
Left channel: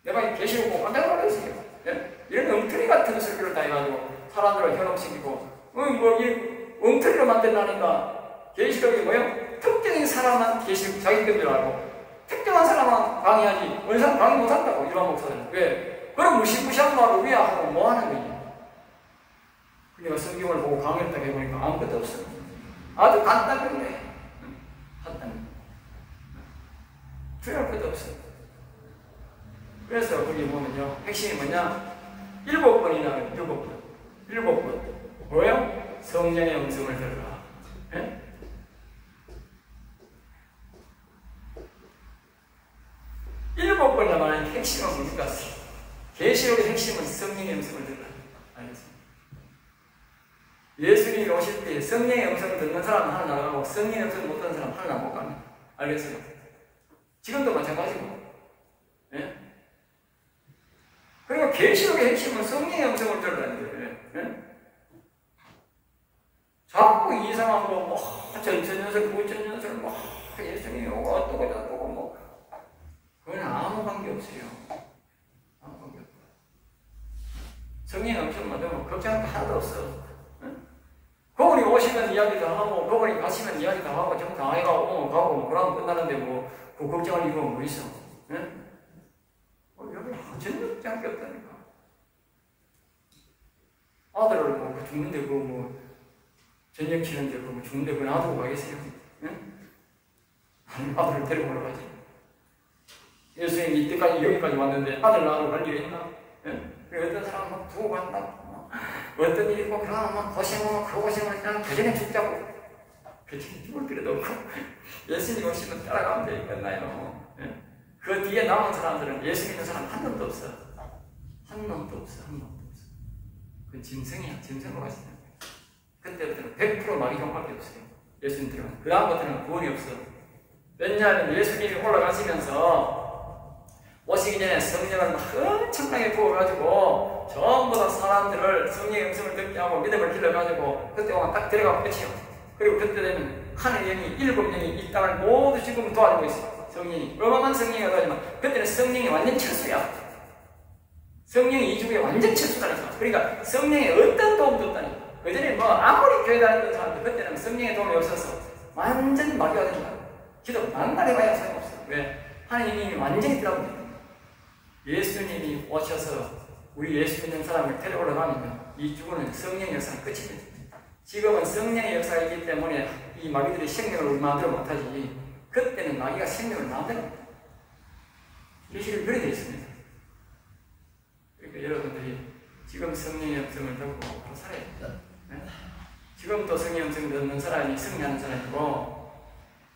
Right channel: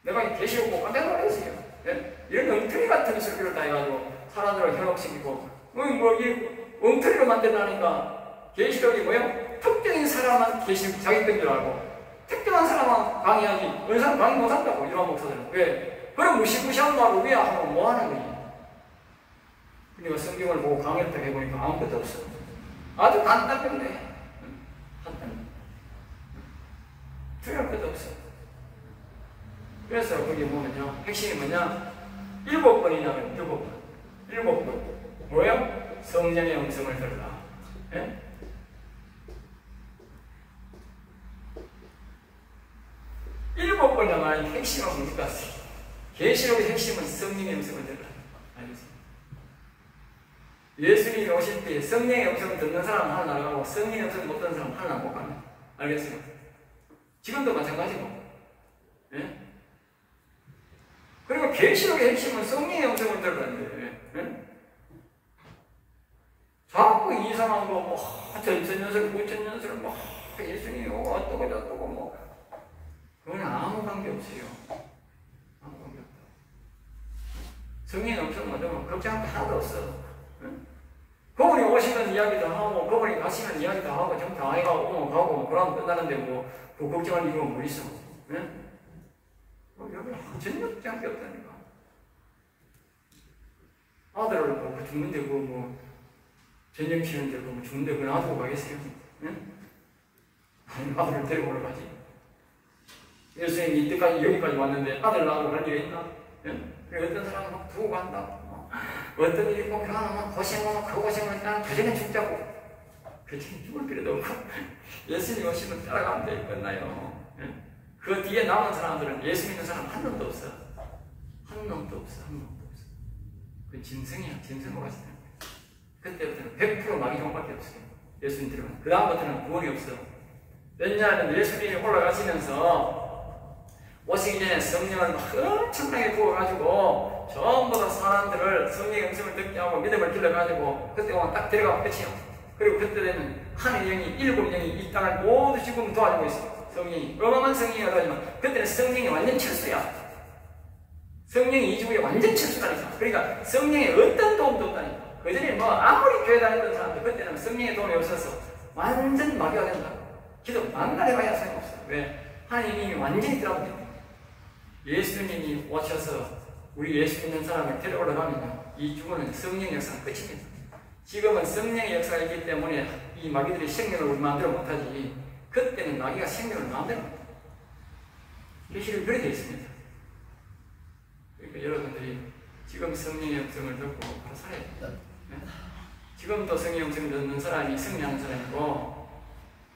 내가 계시록 보고 깜짝 놀랐어요. 예? 이런 엉터리 같은 설교를 다 해가지고 사람들을 현혹시키고 이 엉터리로 만들라니까 계시록이 뭐예요? 특정인 사람만 계시록 자기 건 줄 알고 특정한 사람만 강의하지 어느 사람 강의 못한다고 일반 목사들은. 왜? 그럼 무시무시한 말을 왜 하고 뭐 하는 거지? 그러니까 성경을 보고 강의를 딱 해보니까 아무것도 없어. 아주 간단하게 간단해. 중요할 것도 없어. 그래서 거기 보면요 핵심이 뭐냐? 7번이나 7번 뭐예요? 성령의 음성을 들으라. 예? 일곱 번 나가는 핵심은 뭡니까? 계시록의 핵심은 성령의 음성을 들으라. 알겠습니다. 예수님이 오실 때 성령의 음성을 듣는 사람은 하나 나가고 성령의 음성을 못 듣는 사람은 하나 못 갑니다. 알겠습니까? 지금도 마찬가지고. 예? 그리고 계시록의 핵심은 성령의 음성을 들으라는 거예요. 예? 자꾸 이상한 거, 뭐, 전천연설, 구천연설, 뭐, 예수님이 오고 어떠고 저떠고 뭐. 그건 아무 관계 없어요. 아무 관계 없다. 성령이 엄청 못하면 걱정할 거 하나도 없어. 응? 그분이 오시면 이야기도 하고, 그분이 가시면 이야기도 하고, 좀 당해가고, 가고, 뭐, 그러면 끝나는데 뭐, 그 걱정할 이유가 뭐 있어. 응? 여기 전혀 걱정할 게 없다니까. 아들을 뭐, 죽는데, 그 뭐, 전쟁 치는데, 그 뭐, 죽는데, 그 놔두고 가겠어요. 응? 아들을 데려오러 가지. 예수님이 이때까지 여기까지 왔는데 아들 낳으러 갈 일이 있나? 예? 어떤 사람은 막 두고 간다. 어떤 일이 있고 그러면 막 고생하고 그 고생을 그냥 그 전에 죽자고. 그렇지 죽을 필요도 없고 예수님 오시면 따라가면 돼. 끝나요. 예? 그 뒤에 남은 사람들은 예수 믿는 사람 한 놈도 없어. 한 놈도 없어. 한 놈도 없어. 그건 짐승이야. 짐승으로 가시는 거야. 그때부터는 100% 마귀 형밖에 없어요. 예수님 들어가면. 그 다음부터는 구원이 없어. 왜냐하면 예수님이 올라가시면서 오시기 전에 성령을 막 엄청나게 부어가지고 전부 다 사람들을 성령의 음성을 듣게 하고 믿음을 길러가지고 그때 오면 딱 데려가면 끝이요. 그리고 그때 되면 하늘의 영이 7명이 이 땅을 모두 지금 도와주고 있어요. 성령이 어마어마한 성령이 와가지고 그때는 성령이 완전 철수야. 성령이 이 주에 완전 철수라니까. 그러니까 성령의 어떤 도움도 없다니까. 그전에 뭐 아무리 교회 다녔던 사람들 그때는 성령의 도움이 없어서 완전 마귀가 된다고. 기도 만날 해봐야 소용없어. 왜? 하나님이 완전히 들어갑니다. 예수님이 오셔서 우리 예수 믿는 사람을 데려오러 가면요 이 죽음은 성령의 역사는 끝입니다. 지금은 성령의 역사가 있기 때문에 이 마귀들이 생명을 만들어 못하지 그때는 마귀가 생명을 만듭니다. 계시를 그래 되어 있습니다. 그러니까 여러분들이 지금 성령의 음성을 듣고 바로 살아야 됩니다. 네? 지금도 성령의 음성을 듣는 사람이 승리하는 사람이고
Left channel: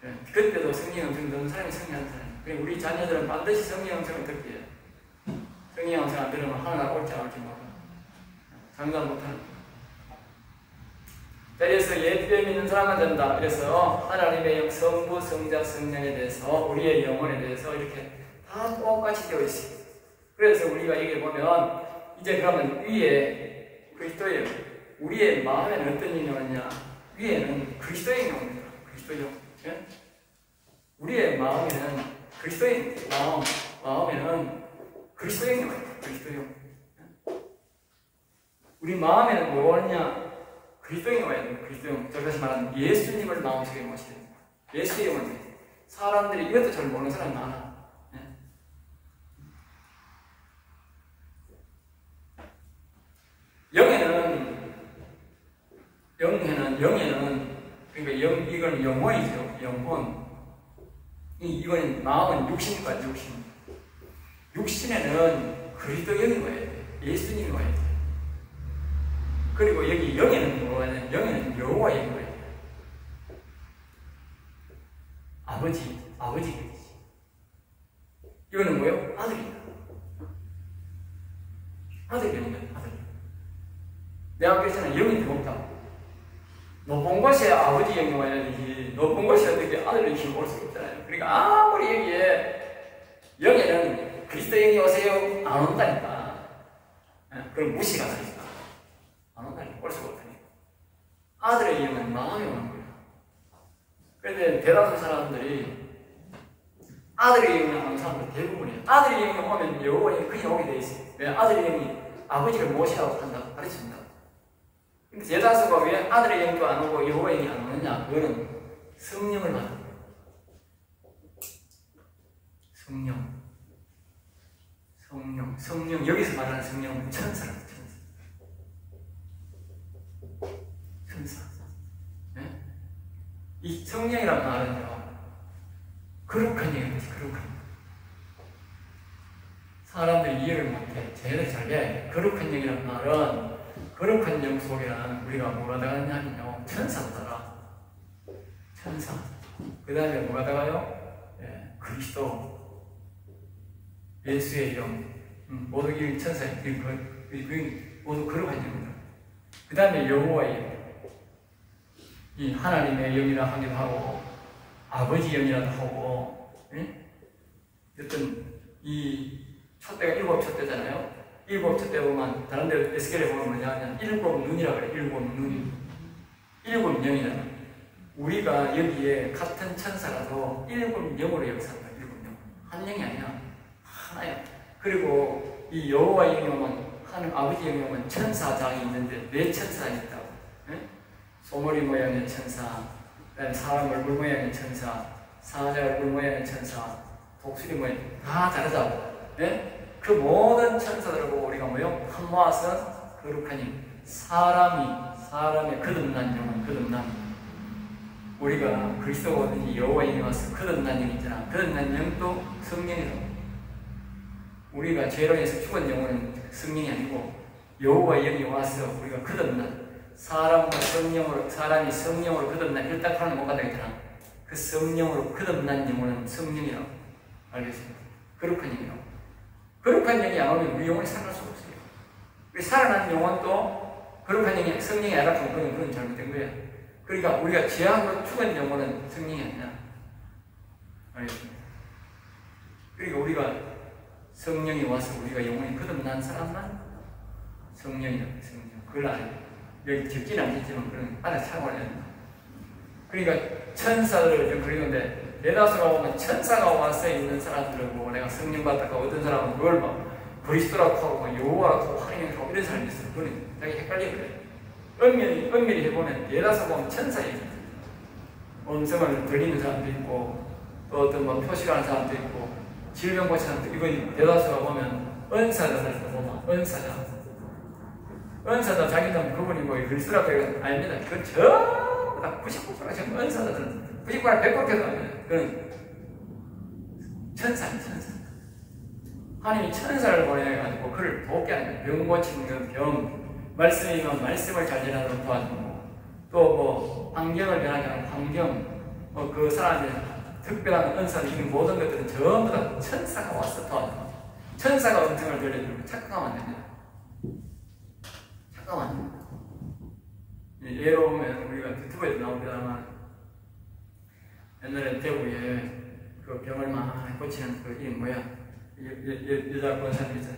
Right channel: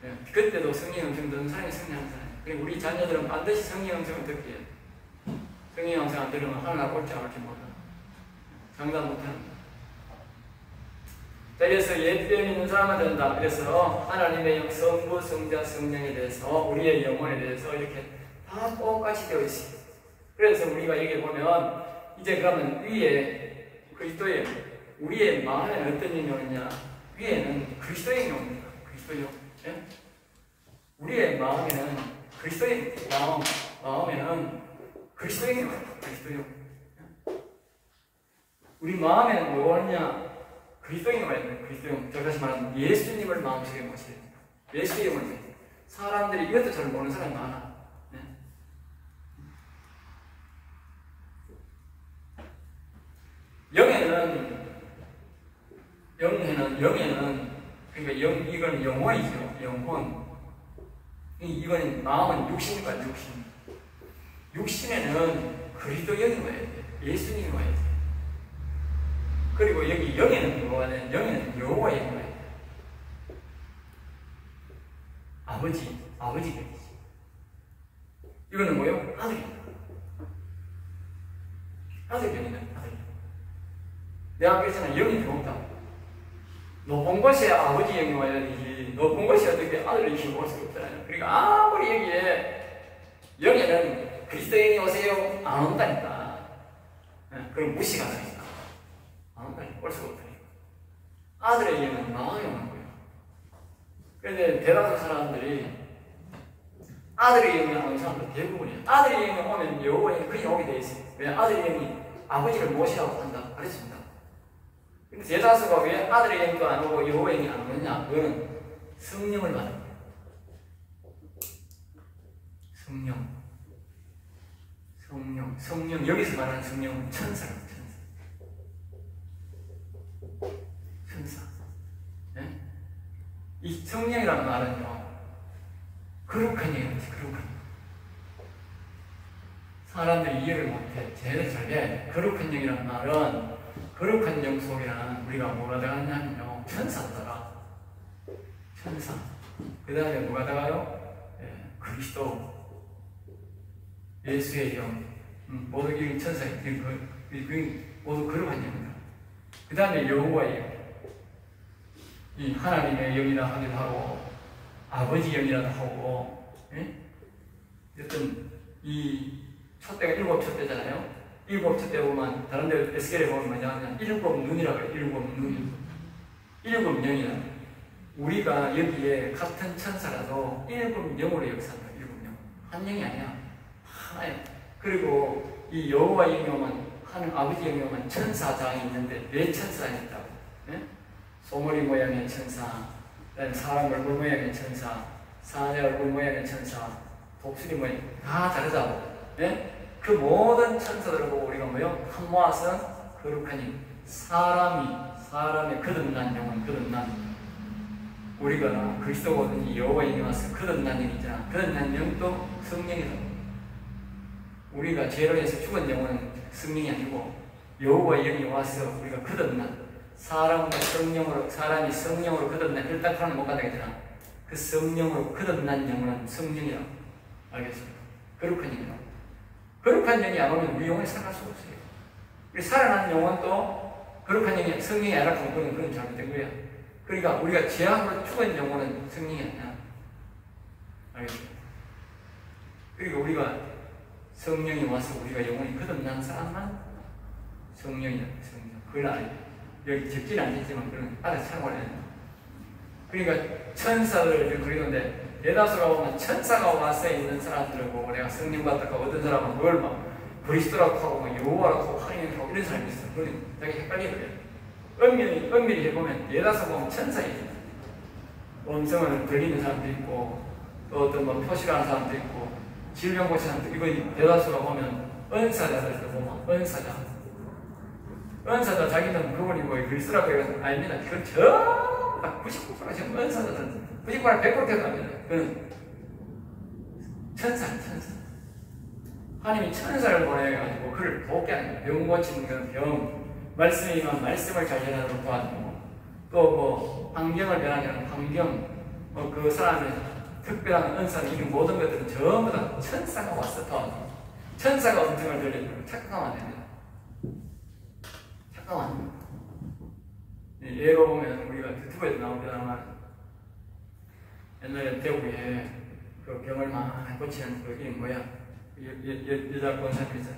네? 그때도 성령의 음성을 듣는 사람이 승리하는 사람이에요. 그리고 우리 자녀들은 반드시 성령의 음성을 듣게 해요. 성령의 음성 안 들으면 하나 옳지 않을지 몰라. 장담 못하는 거야. 자, 그래서 예수를 믿는 사람만 된다. 그래서 하나님의 성부, 성자, 성령에 대해서 우리의 영혼에 대해서 이렇게 다 똑같이 되어 있어요. 그래서 우리가 여기 보면 이제 그러면 위에 그리스도예요. 우리의 마음에는 어떤 영이 오느냐? 위에는 그리스도의 영입니다. 그리스도요. 예? 우리의 마음에는 그리스도인 마음에는 그리스도인 거예요. 그리스도인. 우리 마음에는 뭐냐? 그리스도인이 와야 돼요. 그리스도인. 제가 다시 말하면 예수님을 마음속에 모셔야 돼요. 예수님을 모셔야 돼요. 사람들이 이것도 잘 모르는 사람이 많아. 네. 영에는 그러니까 이건 영혼이죠. 영혼. 이거는 마음은 육신과 육신. 육신에는 그리스도인이 와야 돼요. 예수님이 와야 돼요. 그리고 여기 영에는 뭐가 있냐면 영에는 여호와의 영이 와야 돼요. 아버지 계시지. 이거는 뭐예요? 아들이다. 아들이다. 아들. 내가 그랬잖아. 영이 들어온다. 높은 곳에 아버지 영이 와야 되지. 높은 곳에 어떻게 아들의 힘이 올 수가 없잖아요. 그러니까 아무리 여기에 영에는 그리스도 영이 오세요. 안 온다니까. 그럼 무시가 하니까. 안 온다니까. 올 수가 없다니까. 아들의 영은 마음에 오는 거예요. 그런데 대다수 사람들이 아들의 영이 안 오는 사람들 대부분이에요. 아들의 영이 오면 여호와의 그냥 오게 돼 있어요. 왜? 아들의 영이 아버지를 모시라고 한다. 가르칩니다. 근데 대다수가 왜 아들의 영도 안 오고 여호와의 영이 안 오느냐? 그거는 성령을 말하는 거예요. 성령. 여기서 말하는 성령은 천사예요. 천사. 네? 이 성령이라는 말은요, 거룩한 영이지, 거룩한. 사람들이 이해를 못해. 제대로 잘 해. 거룩한 영이라는 말은, 거룩한 영 속에는 우리가 뭐가 들어가냐면요, 천사더라. 천사. 그 다음에 뭐가 들어가요? 예, 그리스도. 예수의 영. 모두 이 천사의 모두 거룩한 영이다. 그 다음에 여호와의 영. 이 하나님의 영이라 하기도 하고, 아버지 영이라도 하고, 예? 어쨌든 이 촛대가 일곱 촛대잖아요. 일곱 촛대 보면 다른 데 에스겔에 보면 뭐냐면 일곱 눈이라고 해요. 일곱 눈. 일곱 영이라는. 우리가 여기에 같은 천사라도 일곱 영으로 역사한다. 일곱 영. 한 영이 아니야. 하나야. 그리고 이 여호와 영이 오면 하는 아버지 영이 오면 천사장이 있는데 네 천사가 있다고. 예? 소머리 모양의 천사, 사람 얼굴 모양의 천사, 사자 얼굴 모양의 천사, 독수리 모양 다 다르다고. 예? 그 모든 천사들을 보고 우리가 뭐요? 한 모아서 거룩한 힘. 사람의 거듭난 영혼, 거듭난. 우리가 그리스도든지 여호와의 영이 와서 거듭난 영 있잖아. 거듭난 영도 성령이다. 우리가 죄로 해서 죽은 영혼은 성령이 아니고 여호와의 영이 와서 우리가 거듭난 사람이 성령으로 거듭난 일딱하는 못 받아야되나. 그 성령으로 거듭난 영혼은 성령이라고. 알겠습니까? 거룩한 영이라고. 거룩한 영이 안 오면 우리 영혼이 살아갈 수가 없어요. 우리 살아난 영혼도 거룩한 영이 성령이 알았고 그건 잘못된 거야. 그러니까 우리가 죄악으로 죽은 영혼은 성령이 아니야. 알겠습니까? 그리고 우리가 성령이 와서 우리가 영혼이 거듭난 사람만 성령이야. 성령. 그걸 알아야 돼. 여기 적지는 않겠지만 그런 알아서 사용을 해야 된다. 그러니까 천사들을 지금 그리는데 대다수가 보면 천사가 와서 있는 사람들을 보고 내가 성령 받았다고 어떤 사람은 그걸 막 그리스도라고 하고 막 여호와라고 하고 하나님이라고 하고 이런 사람이 있어요. 그건 자기 헷갈리게 그래요. 엄밀히 해보면 대다수 보면 천사예요. 음성을 들리는 사람도 있고 또 어떤 뭐 표시를 하는 사람도 있고 질병 고치는 사람도 있고 이건 대다수가 보면 은사자들 보면 은사자 자기는 부분이고 그리스도라고 해요. 아닙니다. 그건 전부 다 99%가 전부 은사자들 99%가 100%가 합니다. 그건 천사. 하나님이 천사를 보내가지고 그를 돕게 하는 병 고치는 건 병, 말씀이면 말씀을 잘 전하도록 도와주고 또 뭐 환경을 변하게 하는 환경, 뭐 그 사람의 특별한 은사를 이런 모든 것들은 전부 다 천사가 와서 도와줍니다. 천사가 음성을 들려주고 착각하면 안 됩니다. 착각하면 안 됩니다. 예로 보면 우리가 유튜브에도 나오잖아만 옛날에 대구에 그 병을 많이 고치는 그 이름 뭐야? 여자 권사님 있잖아.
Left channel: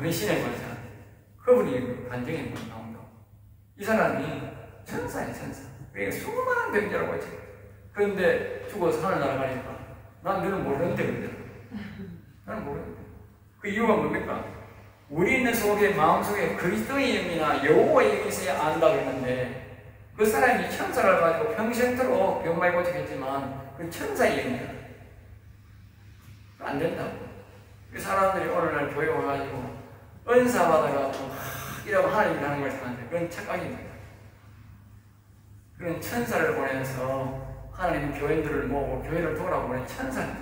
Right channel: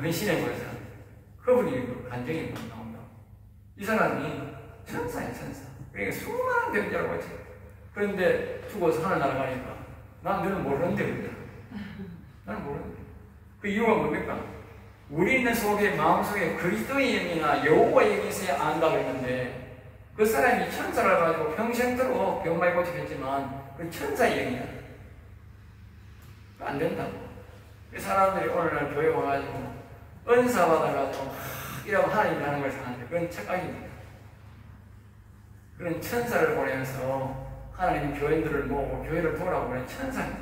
헌신의 권사. 그분이 그 간증이 나온다. 이 사람이 천사야, 천사. 그러니까 수많은 병자를 고쳐. 그런데 죽어서 하늘 날아가니까 난 너는 모르는데 그러더라. 나는 모르는데. 그 이유가 뭡니까? 우리는 속에 마음속에 그리스도의 영이나 여호와의 영이 있어야 안다 그랬는데 그 사람이 천사를 가지고 평생토록 병말 고치겠지만 그 천사의 영이야. 안 된다고. 그 사람들이 오늘날 교회 와가지고 은사 받아가지고 이라고 하나님이 하는 걸 사는데 그건 착각입니다. 그런 천사를 보내면서 하나님 교인들을 모으고 교회를 도우라고 보낸 천사입니다.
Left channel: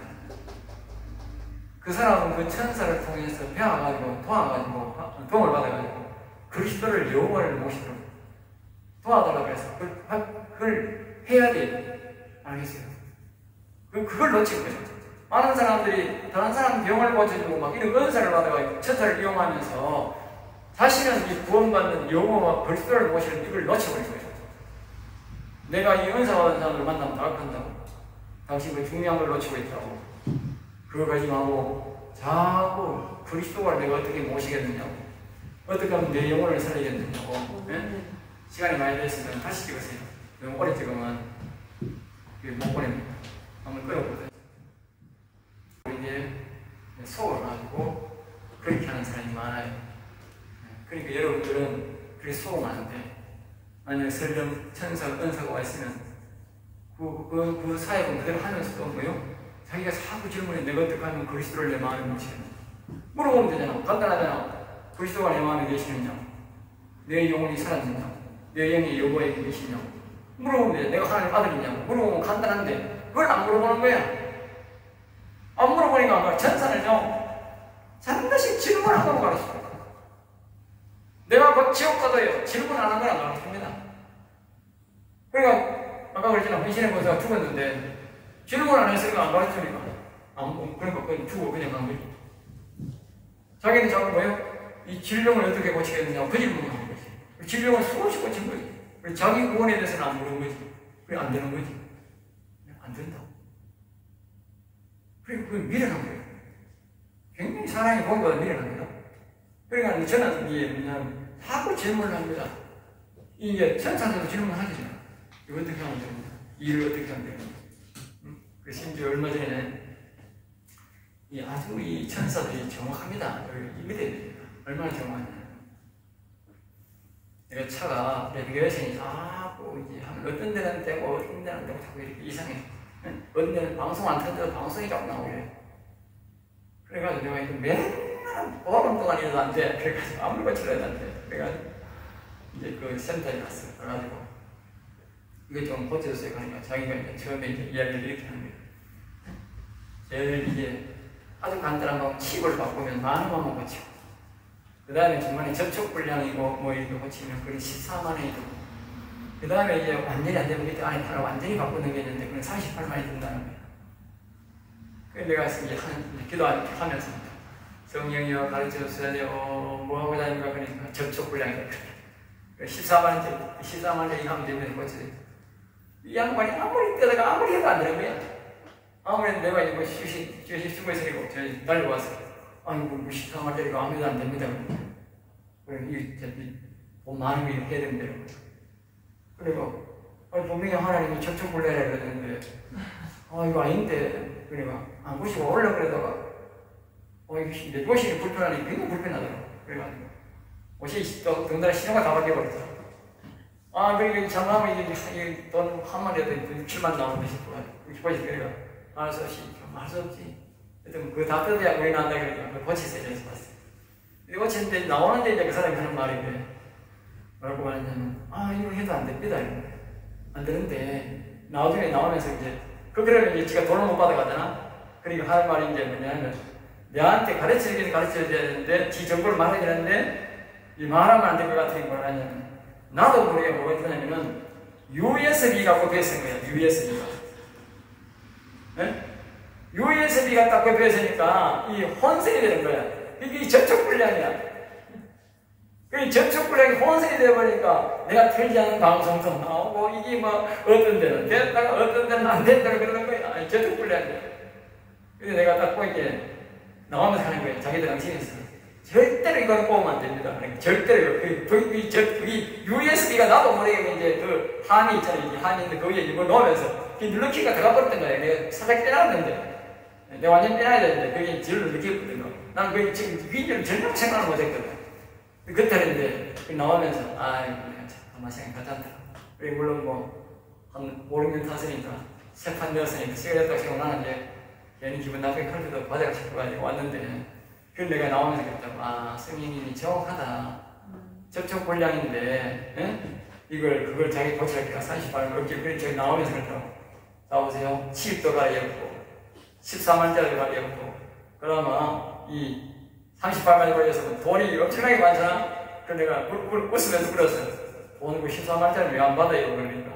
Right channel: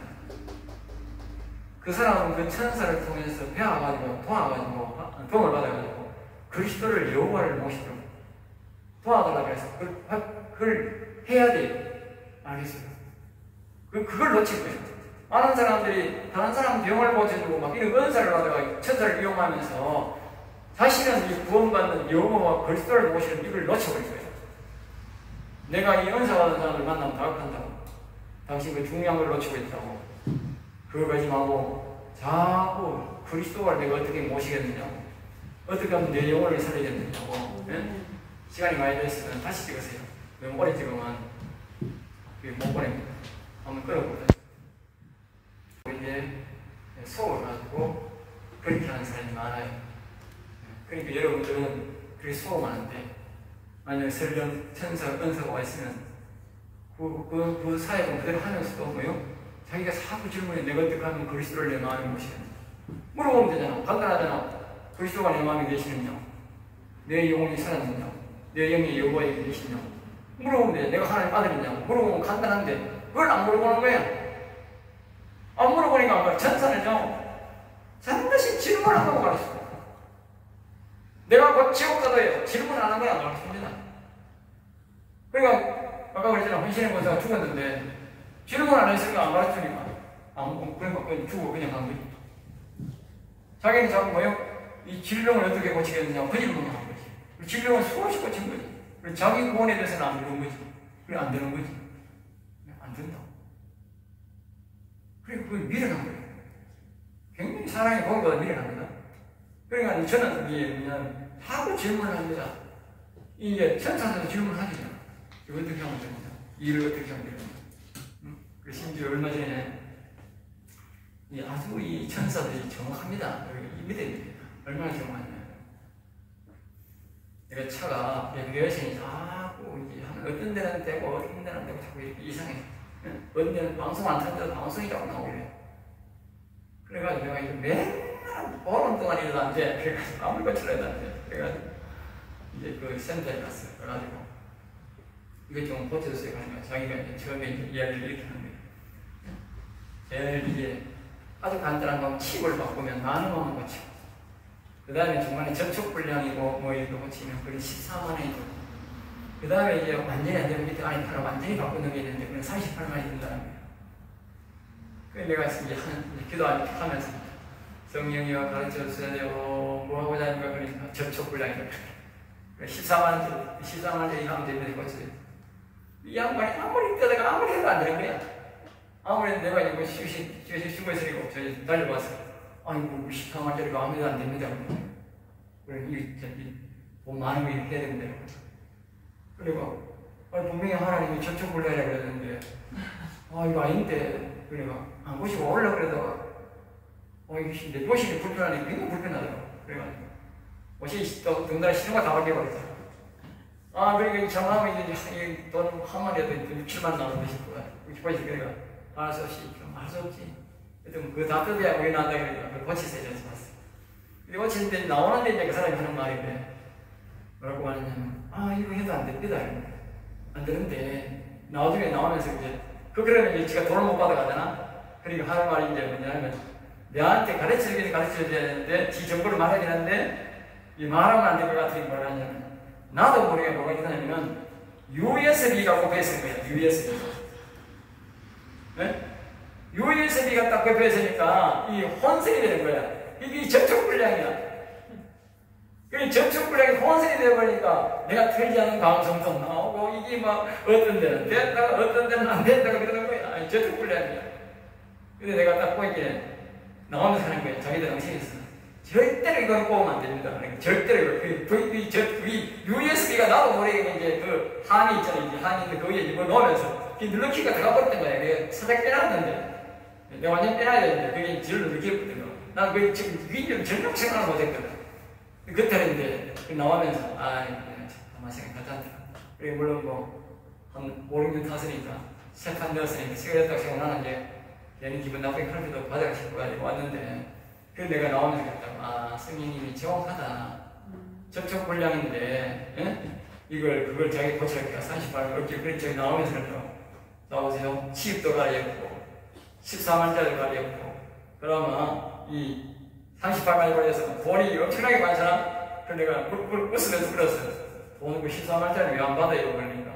그 사람은 그 천사를 통해서 배워가지고 도와가지고 도움을 받아가지고 그리스도를 여호와를 모시도록 도와달라고 해서 그걸 해야 돼요. 알겠어요? 그걸 놓친 거예요. 많은 사람들이 다른 사람 병을 고쳐주고 막 이런 은사를 받아가지고 천사를 이용하면서 자신은 이 구원받는 여호와와 그리스도를 모시는 이걸 놓쳐버린 거예요. 내가 이 은사 받은 사람을 만나면 다각한다고. 당신 그 중요한 걸 놓치고 있다고. 그거 가지 말고 자꾸 그리스도를 내가 어떻게 모시겠느냐고. 어떻게 하면 내 영혼을 살리겠느냐고. 네? 시간이 많이 됐으면 다시 찍으세요. 너무 오래 찍으면 못 보냅니다. 한번 끌어보세요. 이게 속아가지고 그렇게 하는 사람이 많아요. 그러니까 여러분들은 그렇게 속으면안돼. 만약에 설령 천사, 은사가 와 있으면 그 사역은 그대로 하면서도 뭐요? 자기가 자꾸 질문해. 내가 어떻게 하면 그리스도를 내 마음에 모시겠냐? 물어보면 되잖아. 간단하잖아. 그리스도가 내 마음에 계시느냐? 내 영혼이 살았느냐? 내 영이 여호와에 계시냐? 물어보면 돼. 내가 하나님 아들이냐? 물어보면 간단한데 그걸 안 물어보는 거야. 안 물어보니까 천사는요 반드시 질문하고 가르쳐요. 내가 곧 지옥 가도요 질문하는 걸 안 가르칩니다. 그러니까 아까 그랬잖아. 헌신의 권사가 죽었는데 질문 안 했으니까 안 가르치니까 그러니까 그냥 죽어 그냥 간 거지. 자기는 자꾸 뭐예요? 이 질병을 어떻게 고치겠느냐 그 질문을 한 거지. 그 질병을 수없이 고친 거지. 자기 구원에 대해서는 안 물은 거지. 그래 안 되는 거지. 안 된다고. 그리고 그걸 미련한 거예요. 굉장히 사랑이 본보다 미련합니다. 그러니까 저는 그냥 하고 질문을 합니다. 이게 천사들도 질문하거든요. 이거 어떻게 하면 됩니다. 일을 어떻게 하면 됩니다. 그 심지어 얼마 전에 아주 이 천사들이 정확합니다. 믿어야 됩니다. 얼마나 정확하냐. 내가 차가 내비게이션이 자꾸 이제 하면 어떤 데는 되고 어떤 데는 되고 자꾸 이렇게 이상해. 어떤 데는 방송 안 타는데도 방송이 자꾸 나오래. 그래가지고 내가 이거 맨날 보름 동안 일도 안 돼. 그래가지고 아무리 고치려도 안 돼. 그래가지고 이제 그 센터에 갔어요. 그래가지고 이거 좀 고쳐주세요. 그러니까 자기가 이제 처음에 이제 이야기를 이렇게 하는 거예요. 제일 이제 아주 간단한 거 칩을 바꾸면 10,000원만 고치고 그 다음에 중간에 접촉불량이고 뭐 이렇게 고치면 그게 140,000원이 들고 그 다음에 이제 완전히 안 되고 밑에 안에 하나 완전히 바꾸는 게 있는데 그냥 480,000원이 든다는 거예요. 그래서 내가 이제 기도하면서 성령이와 가르쳐 주셔야 돼요. 뭐 하고 다니까 그러니까 접촉불량이다. 14만원짜리 하면 되면 고쳐요. 이 양반이 아무리 때다가 아무리 해도 안 되는 거야. 아무리 내가 이거 휴식 주고 있으니까 저희 달려왔어요. 아니 뭐 14만원짜리가 아무래도 안 됩니다. 그리고 돈 많은 거 해야 된대요. 그리고 분명히 하나님이 접촉불량이라고 그랬는데 이거 아닌데 그러니까 안 보시고 올라 그러다가 이게 내 옷이 불편하니 굉장히 불편하더라고. 그래가지고 옷이 덩달아 신호가 다 바뀌어버렸어. 그러니까 장하면 이게 돈 한 마리에도 7만 나오는데 싶어요. 그래가 알아서 할 수 없지. 하여튼 그거 다 뜯어야 물이 난다 그러니까 그거 고치세요. 그래서 봤어요. 근데 고치는데 나오는데 이제 그 사람이 하는 말이 그래. 뭐라고 말하냐면 이거 해도 안 됩니다. 이러는데 안 되는데 나중에 나오면서 이제 그러면 이제 지가 돈을 못 받아가잖아. 그러니까 하는 말이 이제 뭐냐면 내한테 가르쳐줘야 되는데 지 정보를 말해야 되는데 이 말하면 안 될 것 같으니 뭐라 하냐면 나도 모르게 뭐가 있냐면은 USB가 꼽혀있는 거야. USB가. 네? USB가 딱 꼽혀있으니까 이 혼선이 되는 거야. 이게 접촉불량이야. 그 접촉불량이 혼선이 되어버리니까 내가 틀지 않은 방송도 나오고 이게 뭐 어떤 데는 됐다가 어떤 데는 안 됐다가 그러는 거야. 접촉불량이야. 근데 내가 딱 보이게 나오면서 하는 거야. 자기들 양심에서 절대로 이거는 뽑으면 안 됩니다. 절대로. 이 USB가 나도 모르게 이제 그 함이 있잖아요. 이 함이 있는데 거기에 이걸 넣으면서 눌러키가 들어가 버렸던 거야. 내가 살짝 빼놨는데. 내가 완전 빼놔야 되는데, 거기 질을 눌러키거든요. 나는 거기 지금 위기를 전혀 생각을 못 했거든. 그때 했는데, 나오면서, 아마 생각하지. 그리고 물론 한 5, 6년 탔으니까, 세판 넣었으니까, 시간을 생각나는 게, 괜히 기분 나쁘게 할 때도 받아가 싶어가지고 왔는데, 그래서 내가 나오면서 그랬다고, 성령님이 정확하다. 접촉 불량인데, 그걸 자기 고쳐야 38만 어깨, 그래, 저기 나오면서 그랬다고. 나오세요. 치입도 가리었고, 14만짜리 가리었고, 그러면 이 38만짜리 걸려서 돈이 엄청나게 많잖아? 그래서 내가 웃으면서 그랬어요. 돈 14만짜리 왜 안 받아요? 그러니까.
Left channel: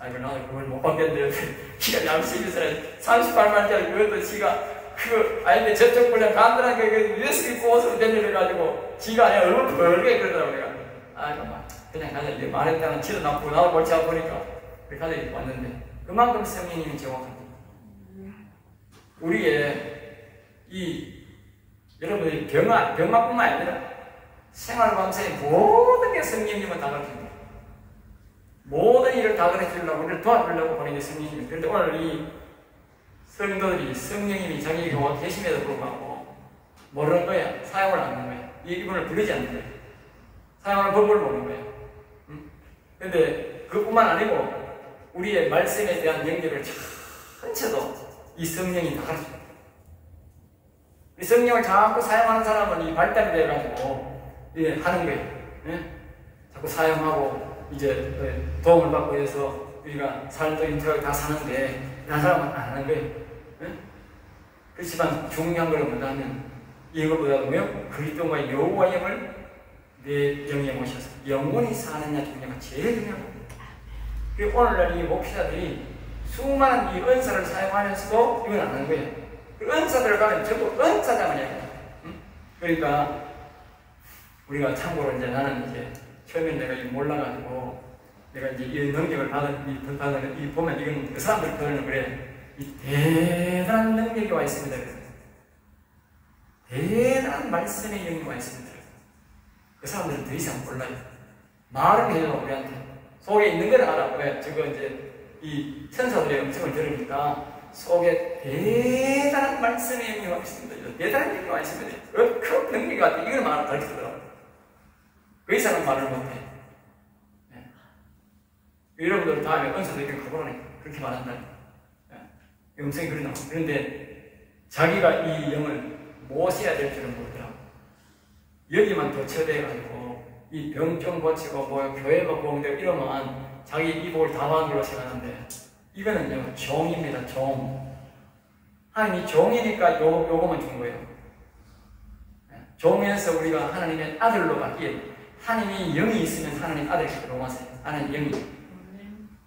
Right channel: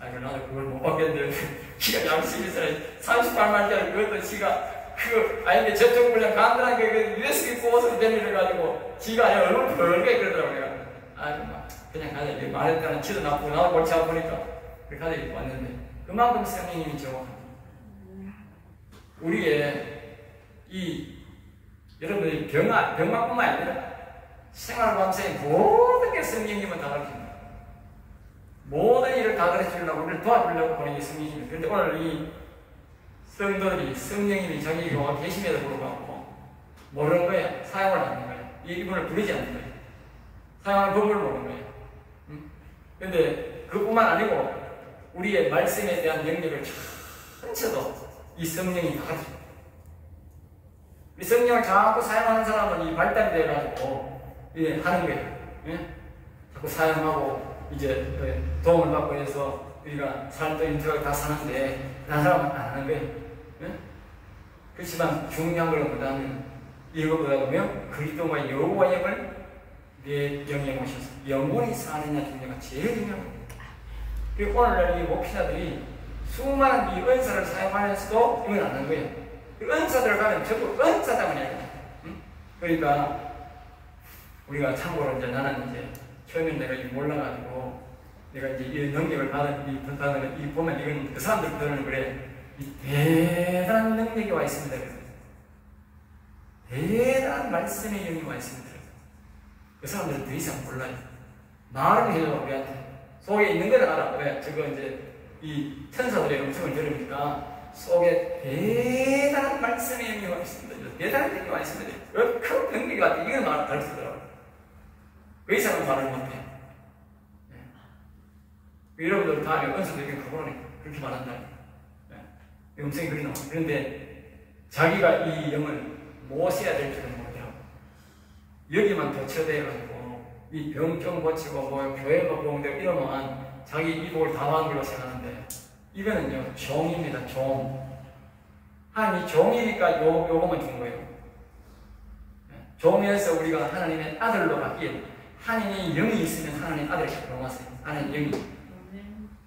아이고, 나도 그걸 못 받겠는데, 기가 양식이 있어요. 38만짜리 그것도 지가, 아닌데 저쪽 불량 간단한 그 USB 꽂아서 내려가지고, 지가 아니라 얼굴 벌게 그러더라고, 내가. 아이고, 그냥 가자. 이제 말했다는 치도 나쁘고, 나도 골치 아프니까. 그렇게 가자, 이렇게 왔는데. 그만큼 성령님이 정확합니다. 우리의 여러분들이 병만뿐만 아니라 생활 감사의 모든 게 성령님은 다 가르칩니다. 모든 일을 다 가르치려고 우리를 도와주려고 보는 게 성령님입니다. 그런데 오늘 이 성도들이 성령님이 자기가 계심에도 불구하고 모르는 거야. 사용을 안 하는 거야. 이분을 부르지 않는 거야. 사용하는 법을 모르는 거야. 그런데 그뿐만 아니고 우리의 말씀에 대한 영역을 전체도 이 성령이 다 가르쳐요. 이 성령을 자꾸 사용하는 사람은 이 발달이 돼가지고 하는 거예요. 자꾸 사용하고 이제 도움을 받고 해서 우리가 삶도 인터뷰 다 사는데 다른 사람은 안 하는 거예요. 그렇지만 중요한 걸 보다는 이거보다도 그리스도와 여호와 영을 내 영에 모셔서 영원히 사느냐 중요가 제일 중요합니다. 그리고 오늘날 이 목회자들이 수많은 이 은사를 사용하면서도 이건 안 하는 거예요. 그 은사들 가면 저도 은사자만 해요. 그러니까 우리가 참고로 이제 나는 이제 처음에 내가 몰라가지고 내가 이제 이 능력을 받은 이 보면 이건 그 사람들 표현은 그래. 이 대단한 능력이 와 있습니다. 그래서 대단한 말씀의 영이 와 있습니다. 그 사람들은 더 이상 몰라요. 말을 해요 우리한테. 속에 있는 걸 알아. 왜? 저거 이제 이 천사들의 음성을 들으니까 속에 대단한 말씀의 영이 와 있습니다. 대단한 영이 와 있습니다. 그 능력이 같아. 이걸 말을 가르치더라고요. 그 이상은 말을 못해. 여러분들 다음에 은사들에게 그거는 그렇게 말한다. 음성이 그러나. 그런데 자기가 이 영을 무엇해야 될 줄은 모르더라고. 여기만 도처대가지고 이 병좀 고치고 교회가 보험되고 이러면 자기 이복을 당한 걸로 생각하는데 이거는요 종입니다. 종. 하나님이 종이니까 요거만 준 거예요. 종에서 우리가 하나님의 아들로 바뀌어 하나님이 영이 있으면 하나님 아들이 로마서요. 하나님 영이.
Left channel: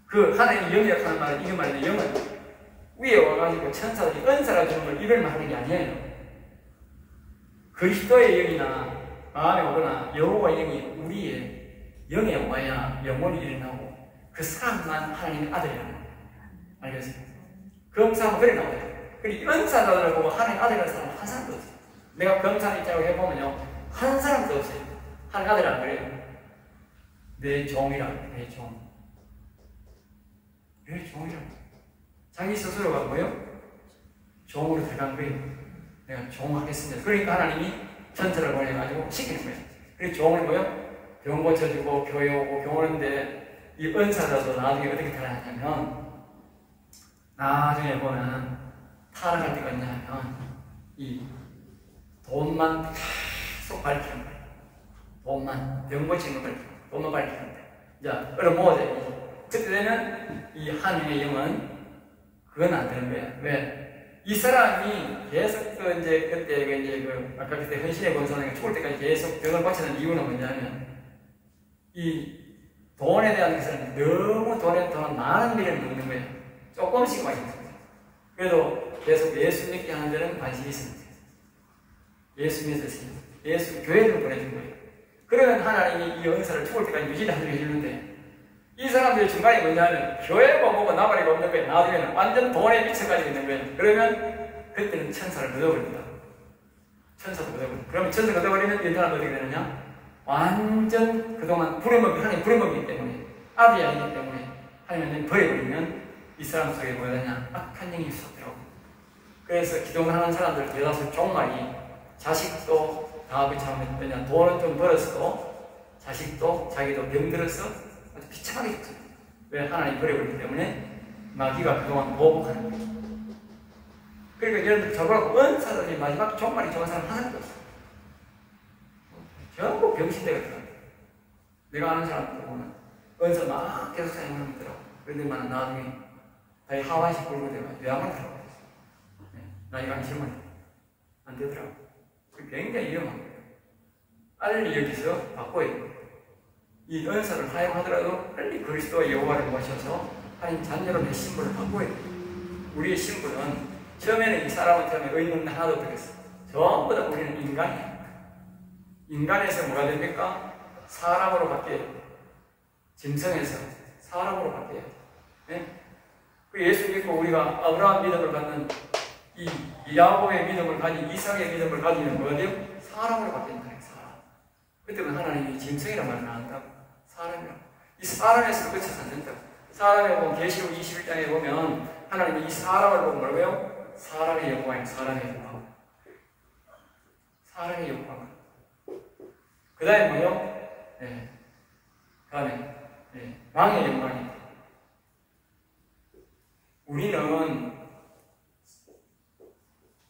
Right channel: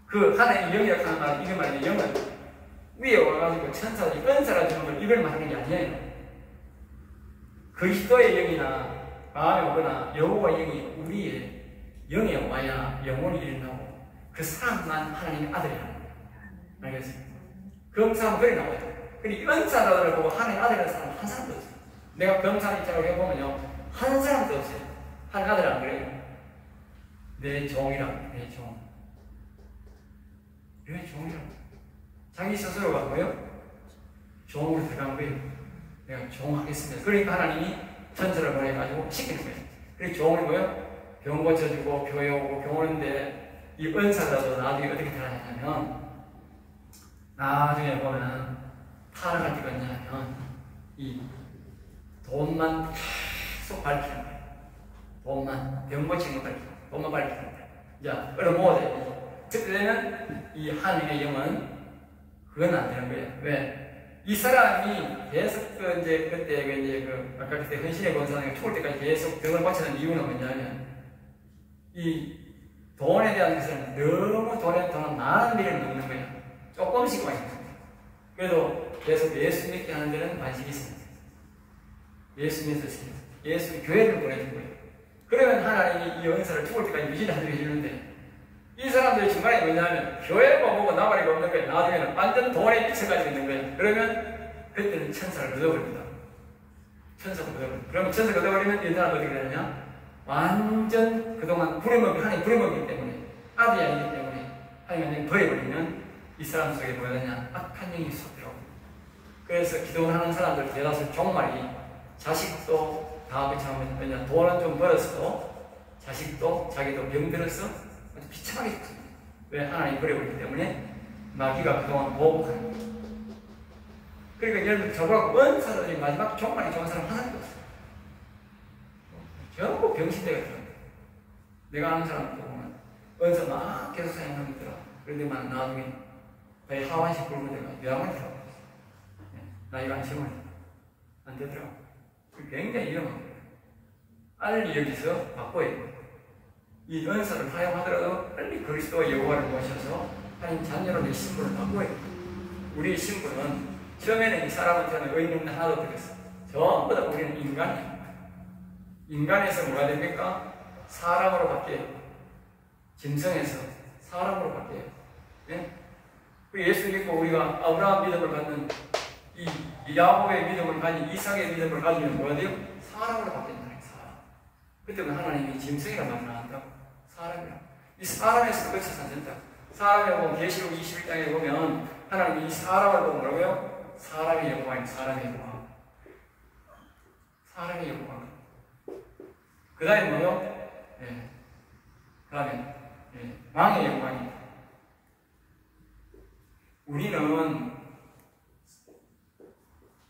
그 하나님 영이라고 하는 말은 이거 말이에요. 영은 위에 와가지고 천사들이 은사가 주는 걸 이걸 말하는 게 아니에요. 그리스도의 영이나 마음에 오거나 여호와 영이 우리의 영에 와야 영원히 일어나고 그 사람만 하나님의 아들이라는 거예요. 알겠습니까? 검사는 그래 나와요. 그리고 은사들을 보고 하나님의 아들이라는 사람은 한 사람도 없어요. 내가 검사 입장으로 해보면요 한 사람도 없어요. 하나님의 아들이 안 그래요. 내 종이라고 내 종. 왜 종이라고? 자기 스스로가 뭐요? 종으로 들어간 거예요. 내가 종하겠습니다. 그러니까 하나님이 천사를 보내가지고 시키는 거예요. 그리고 종을 뭐요? 병 고쳐주고 교회 오고 병 오는데 이 은사자도 나중에 어떻게 태어나냐면 나중에 보면 타락할 때가 있냐면 이 돈만 계속 밝히는 거예요. 돈만 병 고치는 걸 밝히고 돈만 밝히는 거예요. 자, 그럼 뭐가 되고 그때 되면 이 하나님의 영은 그건 안 되는 거야. 왜? 이 사람이 계속 그때 아까 그때 헌신의 권사는 죽을 때까지 계속 병을 고치는 이유는 뭐냐면 이 돈에 대한 것은 너무 돈에 많은 일을 넣는 거야. 조금씩 많이 있습니다. 그래도 계속 예수 믿게 하는 데는 관심이 있습니다. 예수 믿으세요. 예수 교회를 보내준 거예요. 그러면 하나님이 이 은사를 죽을 때까지 유지하게 해주는데 이 사람들이 중간에 뭐냐면 교회가 보고 나발이가 없는 거예요. 나중에는 완전 돈에 미쳐가지고 있는 거예요. 그러면 그때는 천사를 얻어버립니다. 천사가 얻어버려. 그러면 천사가 얻어버리면 얘들은 어떻게 되느냐? 완전 그동안 부려먹기, 하나님 부려먹기 때문에, 아들이 아니기 때문에 하나님 버려버리면 이 사람 속에 뭐가 되냐? 악한 영이 쏟더라고. 그래서 기도를 하는 사람들 대다수 종말이 자식도 다 그렇지만 왜냐? 돈은 좀 벌었어도 자식도 자기도 병들어서 아주 비참하게 됐죠. 왜? 하나님 버려버리기 때문에 마귀가 그동안 보복하는 거예요. 그러니까 여러분들 저보고 은사들이 마지막 종말이 좋은 사람 하나도 없어. 전부 병신대가 들어요. 내가 아는 사람들 보면 은사 막 계속 사용하는 있더라고. 그런데 나중에 나이 하와식 굴고 내가 요양을 들어가고 나이가 한 10만 안 되더라고. 굉장히 위험한 거예요. 빨리 여기서 바꿔야 돼요. 이 은사를 사용하더라도 빨리 그리스도와 여호와를 모셔서 하나님 자녀로의 신분을 바꿔야 돼요. 우리의 신분은 처음에는 이 사람한테는 의인 없는 하나도 없겠어. 전부 다 우리는 인간이에요. 인간에서 뭐가 됩니까? 사람으로 바뀌어요. 짐승에서 사람으로 바뀌어요. 네? 예수 믿고 우리가 아브라함 믿음을 갖는 이 야곱의 믿음을 가진 이삭의 믿음을 가지면 뭐가 돼요? 사람으로 바뀐다는 거예요. 사람. 그때는 하나님이 짐승이란 말을 안 한다고. 사람이라고. 이 사람에서 끝이 안 된다. 사람에 보면 계시록 21장에 보면 하나님이 이 사람을 보면 뭐라고요? 사람의 영광이에요. 사람의 영광. 사람의 영광. 그 다음에 뭐요? 네. 그 다음에 네. 왕의 영광이. 우리는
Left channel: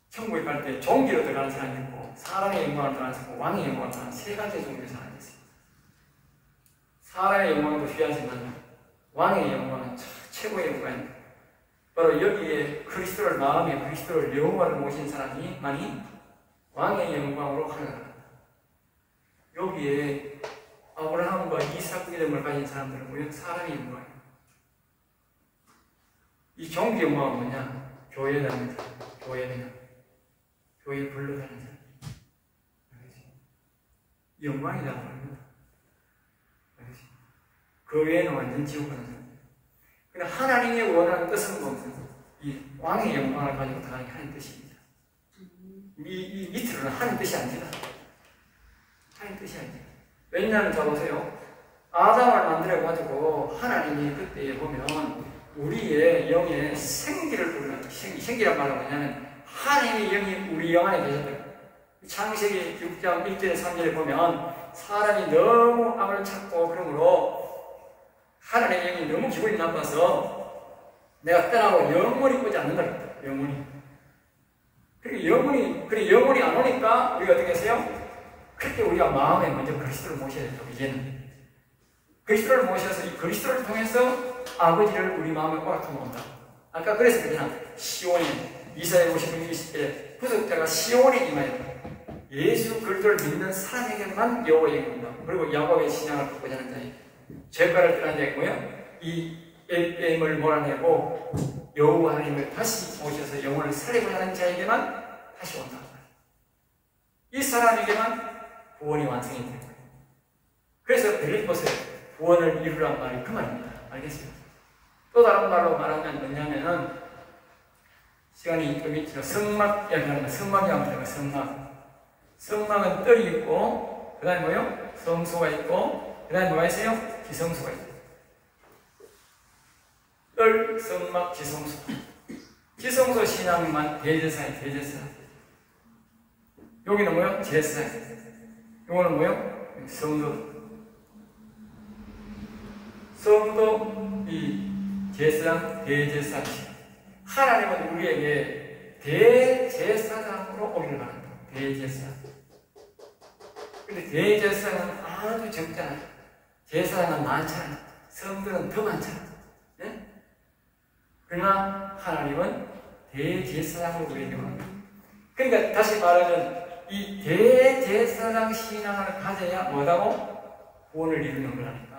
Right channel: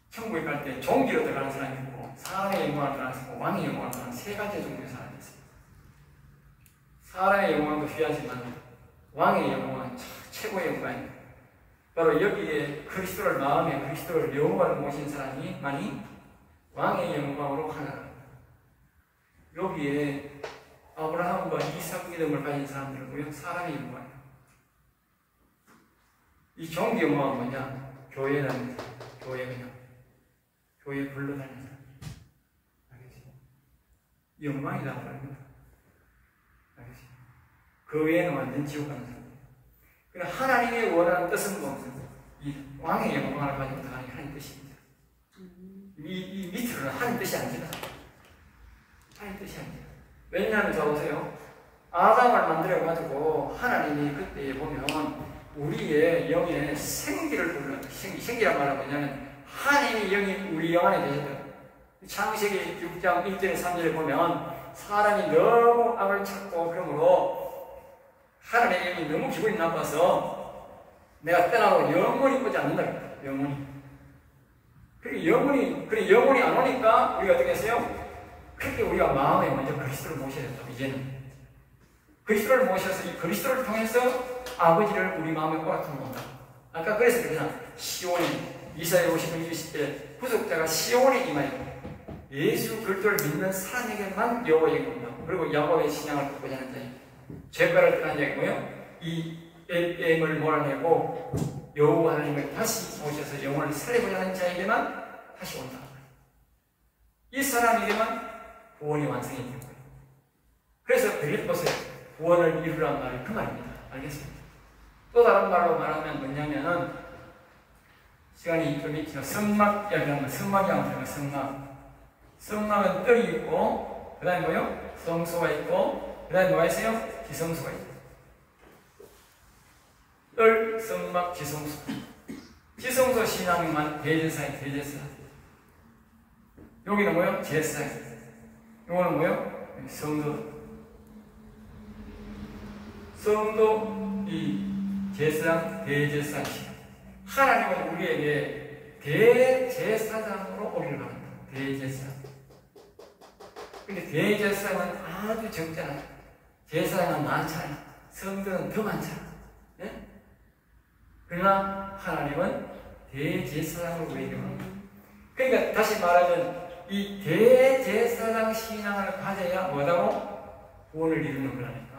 천국에 갈 때 종기로 들어가는 사람이 있고 사람의 영광을 들어가는 사람, 왕의 영광을 들어가는 세 가지 종류의 사람이 있어요. 사람의 영광도 귀하지만 왕의 영광은 최고의 영광입니다. 바로 여기에 그리스도를 마음에 그리스도를 여호와를 모신 사람이 많이 왕의 영광으로 하나갑니다. 여기에 아브라함과 이삭 믿음을 가진 사람들은 뭐예요? 사람의 영광이에요. 이 종기 영광은 뭐냐? 교회 다니는 사람, 교회 그냥 교회 불러다니는 사람. 알겠지? 영광이다 말입니다. 알겠지? 그 외에는 완전 지옥 가는 사람. 그러나 하나님이 원하는 뜻은 무엇은? 이 왕의 영광을 가지고 들어가는 게 하나님 뜻입니다. 이 밑으로는 하나님 뜻이 아닙니다. 하나님 뜻이 아닙니다. 왜냐하면 자 보세요. 아담을 만들어가지고 하나님이 그때 보면 우리의 영에 생기를 부르는 생기란 말은 뭐냐면 하나님의 영이 우리 영 안에 계셨더라고요. 창세기 6장 1절에 3절에 보면 사람이 너무 악을 찾고 그러므로 하나님의 영이 너무 기분이 나빠서 내가 떠나고 영원히 오지 않는다. 영원히. 그리고 영원히 안 오니까 우리가 어떻게 했어요? 그렇게 우리가 마음에 먼저 그리스도를 모셔야 돼요. 이제는 그리스도를 모셔서 이 그리스도를 통해서 아버지를 우리 마음에 오락하면 온다. 아까 그래서 그냥 시온에 이사야 50장 20절에 구속자가 시온에 임하여 예수 그리스도를 믿는 사람에게만 여호와의 영이 온다. 그리고 야곱의 신앙을 갖고자 하는 자에 죄가를 떠난 자가 뭐예요? 이 엘엠을 몰아내고 여호와 하나님을 다시 모셔서 영혼을 살리고자 하는 자에게만 다시 온다. 이 사람에게만 구원이 완성이 되는 거예요. 그래서 빌립보서에 구원을 이루란 말이 그 말입니다. 알겠습니다. 또 다른 말로 말하면 뭐냐면은 시간이 좀 있죠. 성막 이야기하는 성막이 한번 성막. 성막은 뜰이 있고 그 다음에 뭐요? 성소가 있고 그 다음에 뭐가 있어요? 지성소가 있어요. 뜰, 성막, 지성소. 지성소 신앙만 대제사예요. 대제사. 여기는 뭐요? 제사. 요거는 뭐요? 성도. 성도, 이 제사장, 대제사장. 하나님은 우리에게 대제사장으로 오기를 바랍니다. 대제사장. 근데 대제사장은 아주 적잖아요. 제사장은 많잖아요. 성도는 더 많잖아요. 네? 그러나 하나님은 대제사장으로 우리에게 원합니다. 그러니까 다시 말하면 이 대제사장 신앙을 가져야 뭐라고? 구원을 이루는 거라니까.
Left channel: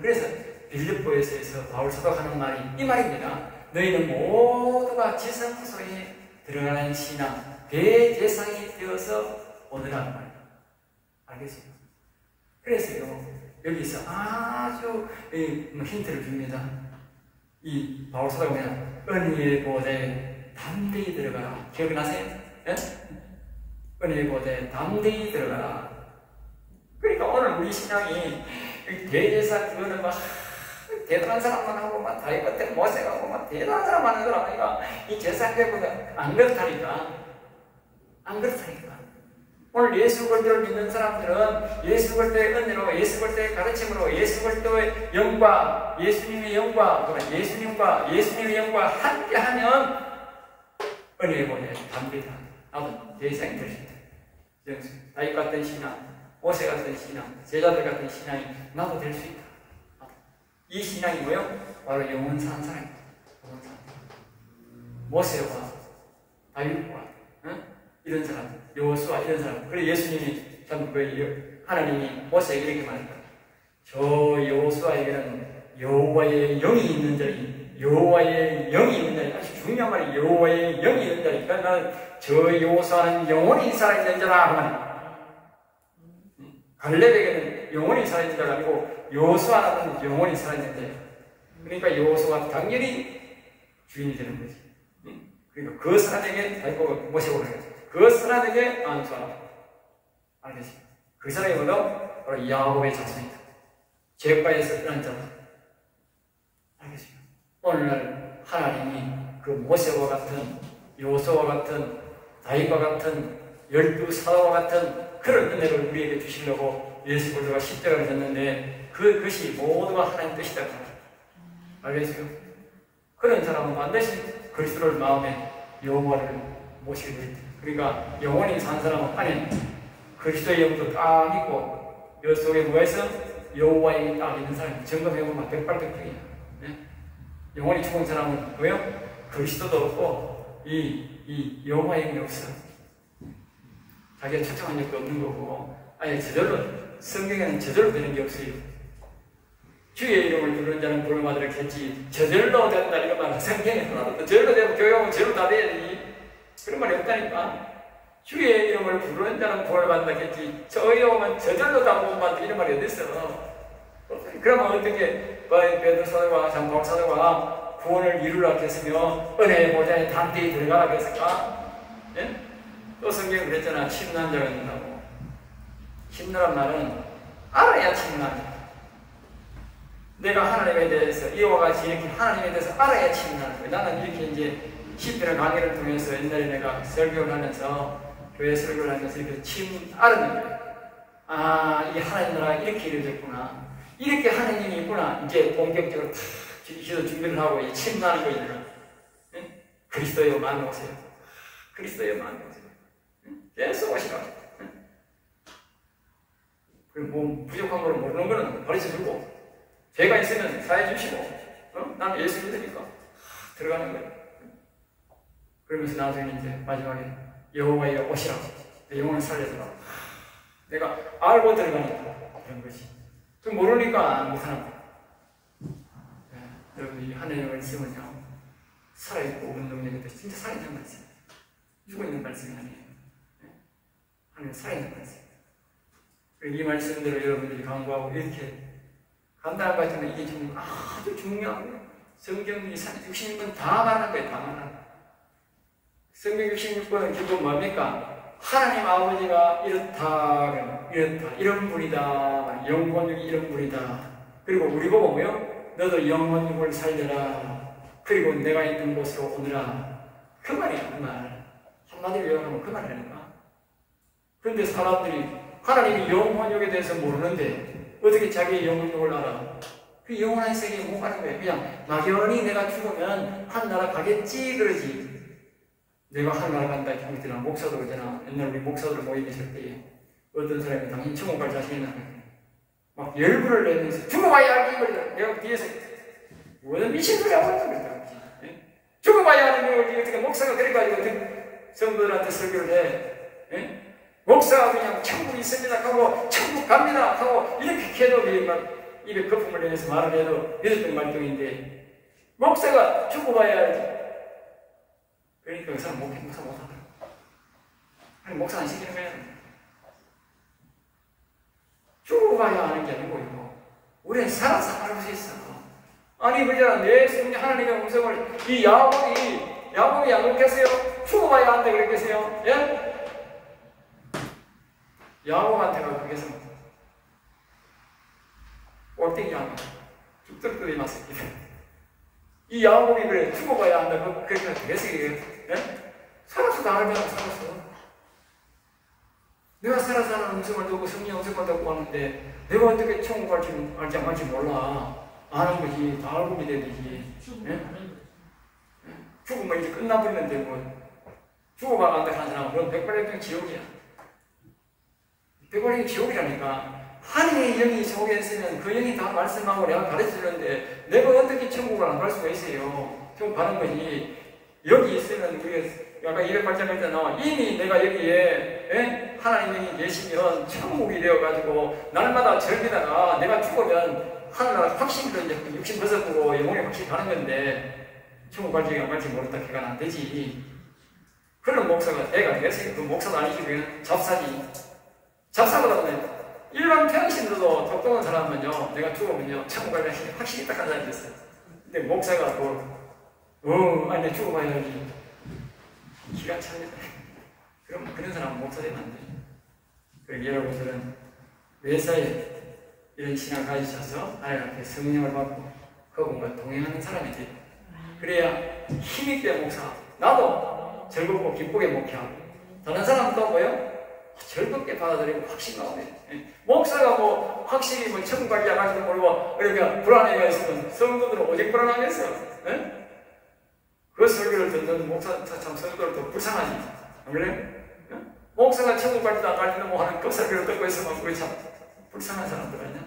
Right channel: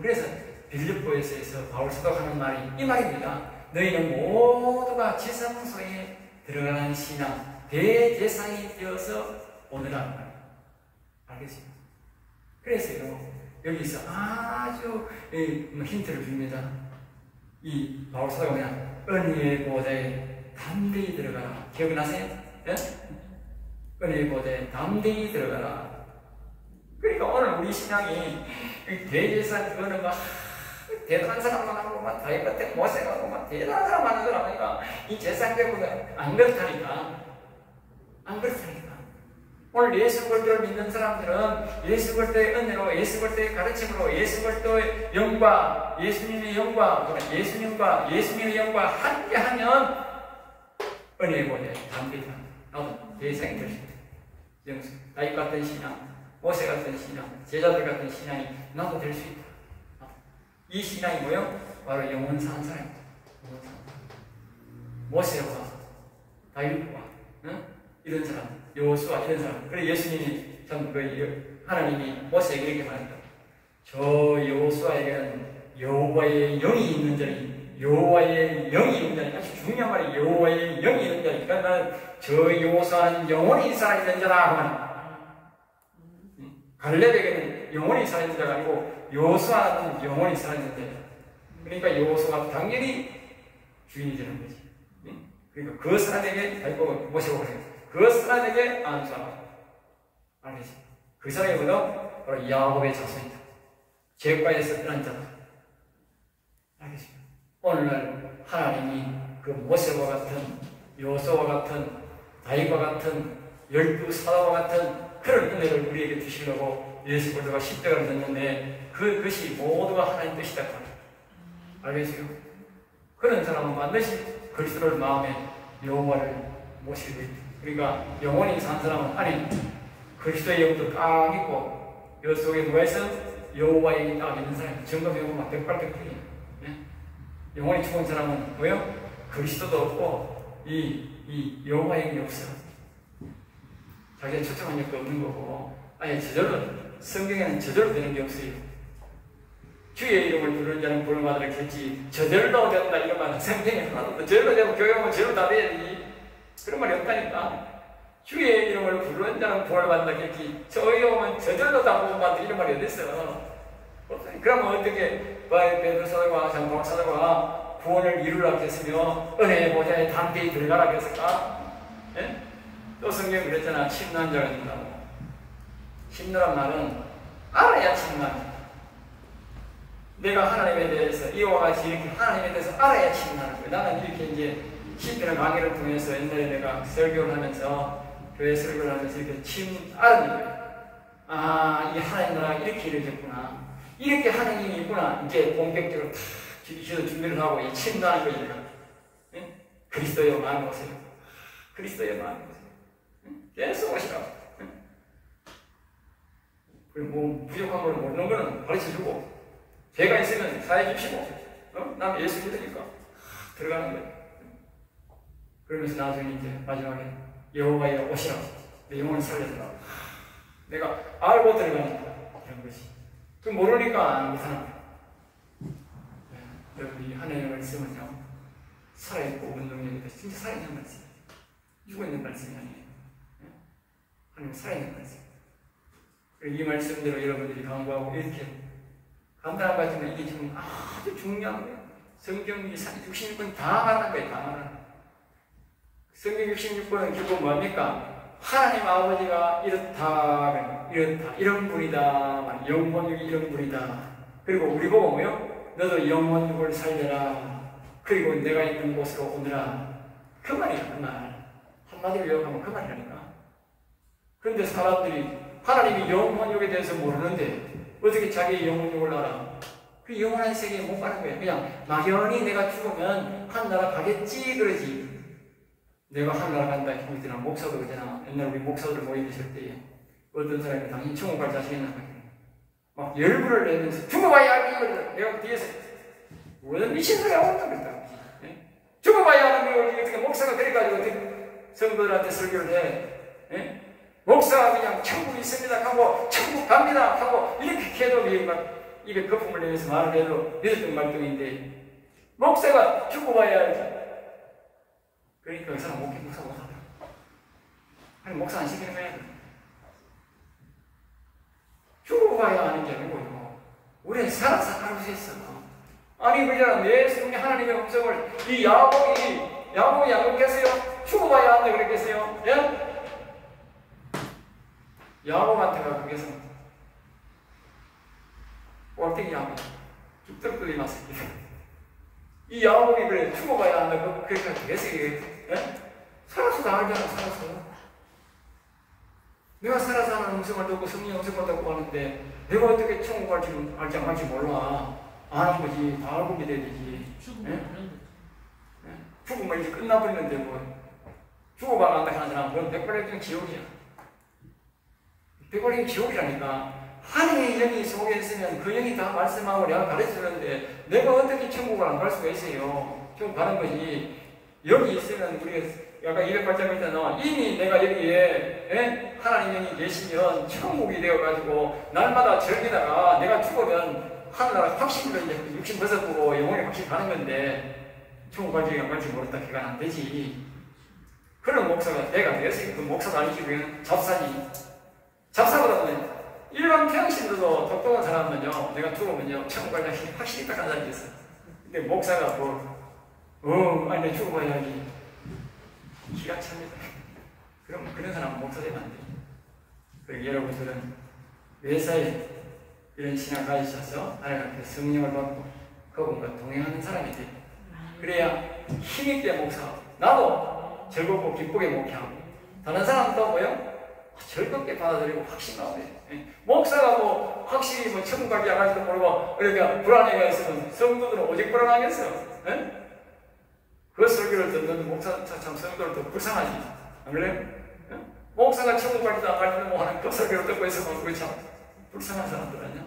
그래서 빌립보에서 바울 사도가 하는 말이 이 말입니다. 너희는 모두가 지성소에 들어가는 신앙, 대제사장이 되어서 오늘란 말이에요. 알겠습니까? 그래서요, 여기서 아주 힌트를 줍니다. 이 바울 사도가 그냥 은혜의 보좌에 담대히 들어가라. 기억나세요? 예? 은혜 보되 담대히 들어가라. 그러니까 오늘 우리 신앙이 대제사장 그거는 막 대단한 사람만 하고 막 다윗 같은 모세하고 막 대단한 사람 하는 걸 아니까 이 제사장 되고 안 그렇다니까. 안 그렇다니까. 오늘 예수 그리스도를 믿는 사람들은 예수 그리스도의 은혜로, 예수 그리스도의 가르침으로, 예수 그리스도의 영과, 예수님의 영과, 예수님의 영과 함께하면 은혜의 보내 담대다. 나도 대생 될 수 있다. 다윗 같은 신앙, 모세 같은 신앙, 제자들 같은 신앙이 나도 될 수 있다. 이 신앙이 뭐요? 바로 영원 사는 사람입니다. 모세와 다윗과 이런 사람, 여호수아 이런 사람. 그래 예수님이 참 하나님이 모세에게 이렇게 말했다. 저 여호수아에게는 여호와의 영이 있는 자니, 여호와의 영이 있는 자니, 아주 중요한 말이 여호와의 영이 있는 자니. 그러니까 나는 저 여호수아는 영원히 살아있는 자라 하면 갈렙에게는 영원히 살아있는 자가 아니고 여호수아는 영원히 살아있는 자. 그러니까 여호수아가 당연히 주인이 되는 거지. 그러니까 그 사람에게 다윗보고 모세가 그랬어요. 그 사람에게 안수하라. 알겠습니다. 그 사람이 뭐다? 바로 야곱의 자손이다. 죄가에서 떠난 자다. 알겠습니다. 오늘날 하나님이 그 모세와 같은, 여호수아와 같은, 다윗과 같은, 12 사도와 같은 그런 은혜를 우리에게 주시려고 예수 그리스도가 십자가를 졌는데 그것이 모두가 하나님 뜻이다. 알겠어요? 그런 사람은 반드시 그리스도를 마음에 여호와를 모시게 됩니다. 그러니까 영원히 산 사람은 안에 그리스도의 영도 딱 있고 여 속에 누가 있어? 여호와의 영이 딱 있는 사람. 점검해보면 100%이야. 네? 영원히 죽은 사람은 뭐요? 그리스도도 없고 이 여호와의 영이 없어. 자기가 초청한 적도 없는 거고 아예 저절로 성경에는 저절로 되는 게 없어요. 주의 이름을 부르는 자는 부름받으겠지 저절로 된다 이런 말은 성경에 하나도 없고 저절로 되고 교회 오면 저절로 다 돼야지 그런 말이 없다니까. 주의 이름을 부르는 자는 부름받으겠지 저희 오면 저절로 다 부름받는다 이런 말이 어딨어. 그러면 어떻게 베드로 사도가 장바울 사도가 구원을 이루라 했으며 은혜의 보좌에 담대히 들어가라 했을까? 예? 또 성경에 그랬잖아. 침노한 자가 있다고. 침노란 말은 알아야 침노한다. 내가 하나님에 대해서 이와 같이 이렇게 하나님에 대해서 알아야 침노하는 거예요. 나는 이렇게 이제 시편의 강의를 통해서 옛날에 내가 설교를 하면서 교회 설교를 하면서 이렇게 알았는 거예요. 아, 이 하나님 나라가 이렇게 이루어졌구나. 이렇게 하나님이 있구나. 이제 본격적으로 다 준비를 하고 이 침노하는 거예요. 예? 그리스도여 마음에 오세요. 그리스도여 마음에 오세요. 계속 오시라고. 그리고 뭐 부족한 걸 모르는 거는 가르쳐주고 죄가 있으면 사해 주시고 나는 예수 믿으니까 들어가는 거야. 그러면서 나중에 이제 마지막에 여호와의 오시라고 내 영혼을 살려주라고 내가 알고 들어가니까 그런 거지. 그 모르니까 안 못하는 거야. 여러분 이 하나님의 말씀은요 살아있고 운동력이 진짜 살아있는 말씀 죽어있는 말씀이 아니에요. 하나님 살아있는 말씀. 이 말씀대로 여러분들이 강구하고 이렇게 간단한 것 같지만 이게 지금 아주 중요한 거예요. 성경 66권 다 말하는 거예요. 다 말하는 거예요. 성경 66권은 기본 뭡니까? 하나님 아버지가 이렇다, 이런 분이다. 영혼육이 이런 분이다. 그리고 우리 보고 뭐요? 너도 영혼육을 살려라. 그리고 내가 있는 곳으로 오느라. 그 말이야, 그 말. 한마디로 요약하면 그 말이라니까. 그런데 사람들이 하나님이 영혼육에 대해서 모르는데 어떻게 자기의 영혼육을 알아? 그 영원한 세계에 못 가는 거야. 그냥 막연히 내가 죽으면 하늘나라 가겠지 그러지. 내가 하늘나라 간다 했잖아. 목사도 그러잖아. 옛날 우리 목사들 모임 있을 때에 어떤 사람이 당신 천국 갈 자신 있나 막 열불을 내면서 죽어봐야 알기 그러더라. 내가 뒤에서 뭐는 미친 소리 하고 있다 그랬다. 죽어봐야 하는 게 어떻게 목사가 그래가지고 성도들한테 설교를 해. 예? 목사가 그냥 천국 있습니다 하고 천국 갑니다 하고 이렇게 해도 입에 거품을 내면서 말을 해도 믿었던 말동인데 목사가 죽어봐야 알지. 그러니까 그 사람 목사 못하더라. 아니 목사 안 시키는 거야. 죽어봐야 하는 게 아니고 이거 우리는 살아서 알고 있어. 아니 그잖아. 내 성령 하나님의 음성을 이 야곱이 안 그렇겠어요? 죽어봐야 한다 그랬겠어요? 예? 야곱한테가 그게서 꼴등이 하나 죽들끓이 맞습니다. 이 야곱이 그래 죽어봐야 한다고 그렇게 되겠어 이게? 살아서 다 알잖아. 살아서 내가 살아서 하는 음성을 듣고 성령 음성을 듣고 하는데 내가 어떻게 천국 갈지 안 갈지 몰라. 아는 거지. 다 알고 믿어야 되지. 죽으면 이제 끝나버리는데 뭐 죽어봐 간다 하는 사람은 그건 백발백중 지옥이야. 백발백중 지옥이라니까. 하나님의 영이 속에 있으면 그 영이 다 말씀하고 내가 가르쳐주는데 내가 어떻게 천국을 안 갈 수가 있어요. 천국 가는 거지. 여기 있으면 우리가 약간 208장일 때는 이미 내가 여기에 하나님 영이 계시면 천국이 되어가지고 날마다 절기다가 내가 죽으면 하늘나라 확신으로 이제 육신 벗어보고 영혼이 확신 가는 건데 천국 갈지 안 갈지 모른다 걔가 안 되지. 그런 목사가 내가 됐으니까 그 목사도 아니지 그냥 잡사지. 잡사보다는 일반 평신도도 똑똑한 사람은요 내가 죽으면요 천국 갈 확신이 딱 한 사람이 있어요. 근데 목사가 아니 내 죽어봐야지. 기가 찹니다. 그럼 그런 사람은 목사 되면 안 돼요. 그러니까 여러분들은 매사에 이런 신앙을 가지셔서 하나님께 성령을 받고 그분과 동행하는 사람이 돼요. 그래야 힘있게 목사하고 나도 즐겁고 기쁘게 목회하고 다른 사람도 뭐요? 즐겁게 받아들이고 확신가 오네. 목사가 뭐 확실히 뭐 천국 가기 안 갈지도 모르고 그러니까 불안해가 있으면 성도들은 오직 불안하겠어요. 그 설교를 듣는 목사 참 성도를 더 불쌍하지. 안 그래요? 목사가 천국 갈지도 안 갈지도 뭐 하는 그 설교를 듣고 있으면 그게 참 불쌍한 사람들 아니야?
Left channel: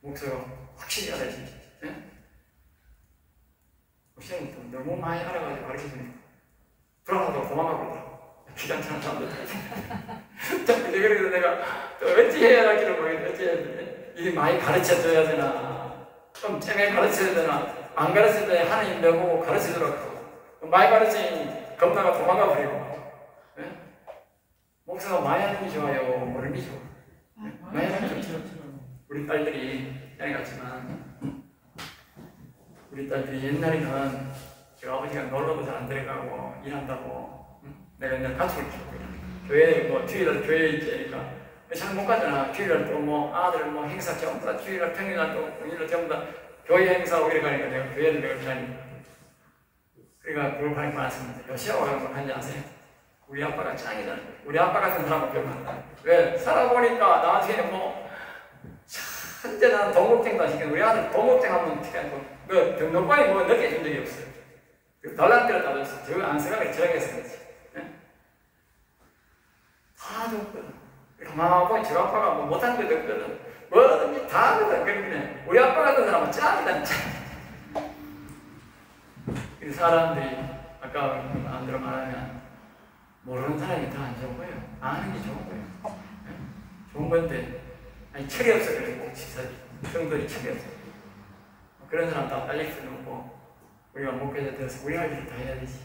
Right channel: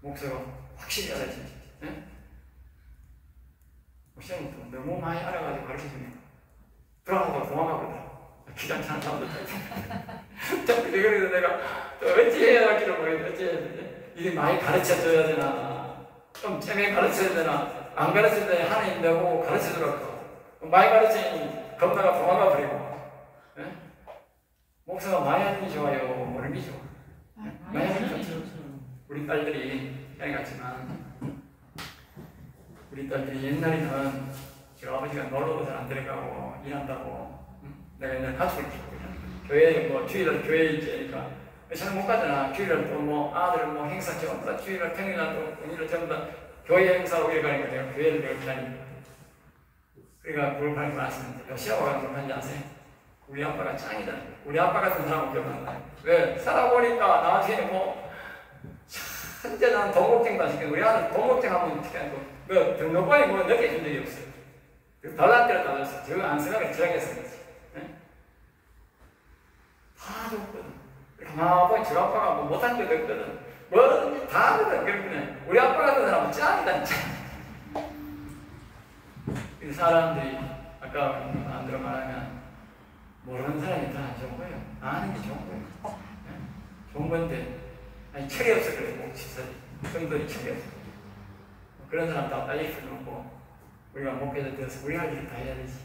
목사가 확실히 알아야지. 목사는 너무 많이 알아가지고 가르쳐주니까 불안하다고 도망가버리더라고. 귀찮다는 사람들. 자꾸 그래서 내가 또 어찌 해야 할지를 모르겠는데 어찌 해야 되지? 이게 많이 가르쳐줘야 되나? 좀 쨈게 가르쳐야 되나? 안 가르칠 때 하나님 너무 가르쳐주라고. 많이 가르치니 겁나가 도망가 버리고. 목사가 많이 하는 게 좋아요? 모르는 게 좋아요? 많이 하는 게 좋죠. 우리 딸들이 옛날에 같지만 우리 딸들이 옛날에는 저 아버지가 놀러도 잘 안 들어가고 일한다고 내가 옛날에 가족을 키우고 있는 교회에 뭐 주일날 교회에 있으니까 잘 못 가잖아. 주일날 또 뭐 아들 뭐 행사 전부 다 주일날 평일날 또 공일날 전부 다 교회 행사하고 이래 가니까 내가 교회를 매일 다니고 그러니까 그걸 많이 많았습니다. 요시아고 양성한지 아세요? 우리 아빠가 짱이다. 우리 아빠 같은 사람은 기억난다. 왜? 살아보니까 나중에 뭐 현재 나는 동국쟁도 안 시키는 우리 아들 동국쟁 하면 어떻게 하고 그 등록번이 뭐 느껴준 적이 없어요. 달란트를 따졌어. 저거 안 생각해 저항해서 그렇지. 다 줬거든. 가만히 저 아빠가 뭐 못한 게 없거든. 뭐든지 다 하거든. 그러면 우리 아빠 같은 사람은 짱이다 진짜. 이 사람들이 아까 마음대로 말하면 모르는 사람이 더 안 좋은 거예요. 아는 게 좋은 거예요. 좋은 건데 아니 철이 없어 그래. 꼭 집사지. 성도이 철이 없어. 그런 사람 다 딸릴 수는 없고 우리가 목회자 되어서 우리 할 일을 다 해야 되지.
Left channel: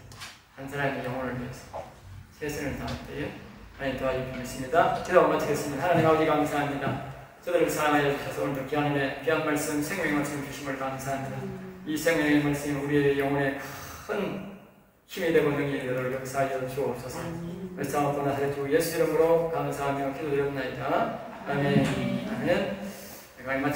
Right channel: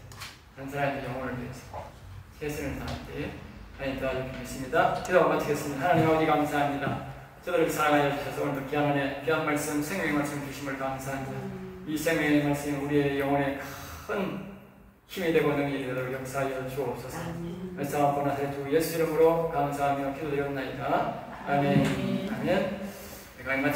한 사람의 영혼을 위해서 최선을 다할 때에 하나님 도와주시겠습니다. 기도 마치겠습니다. 하나님 아버지 감사합니다. 저들을 사랑하여 주셔서 오늘도 귀한 말씀, 생명의 말씀 주심을 감사합니다. 이 생명의 말씀이 우리의 영혼에 큰 힘이 되고 능력이 되도록 역사하여 주옵소서. 말씀하고 나서 주 예수 이름으로 감사하며 기도드렸나이다. 아멘. 아멘.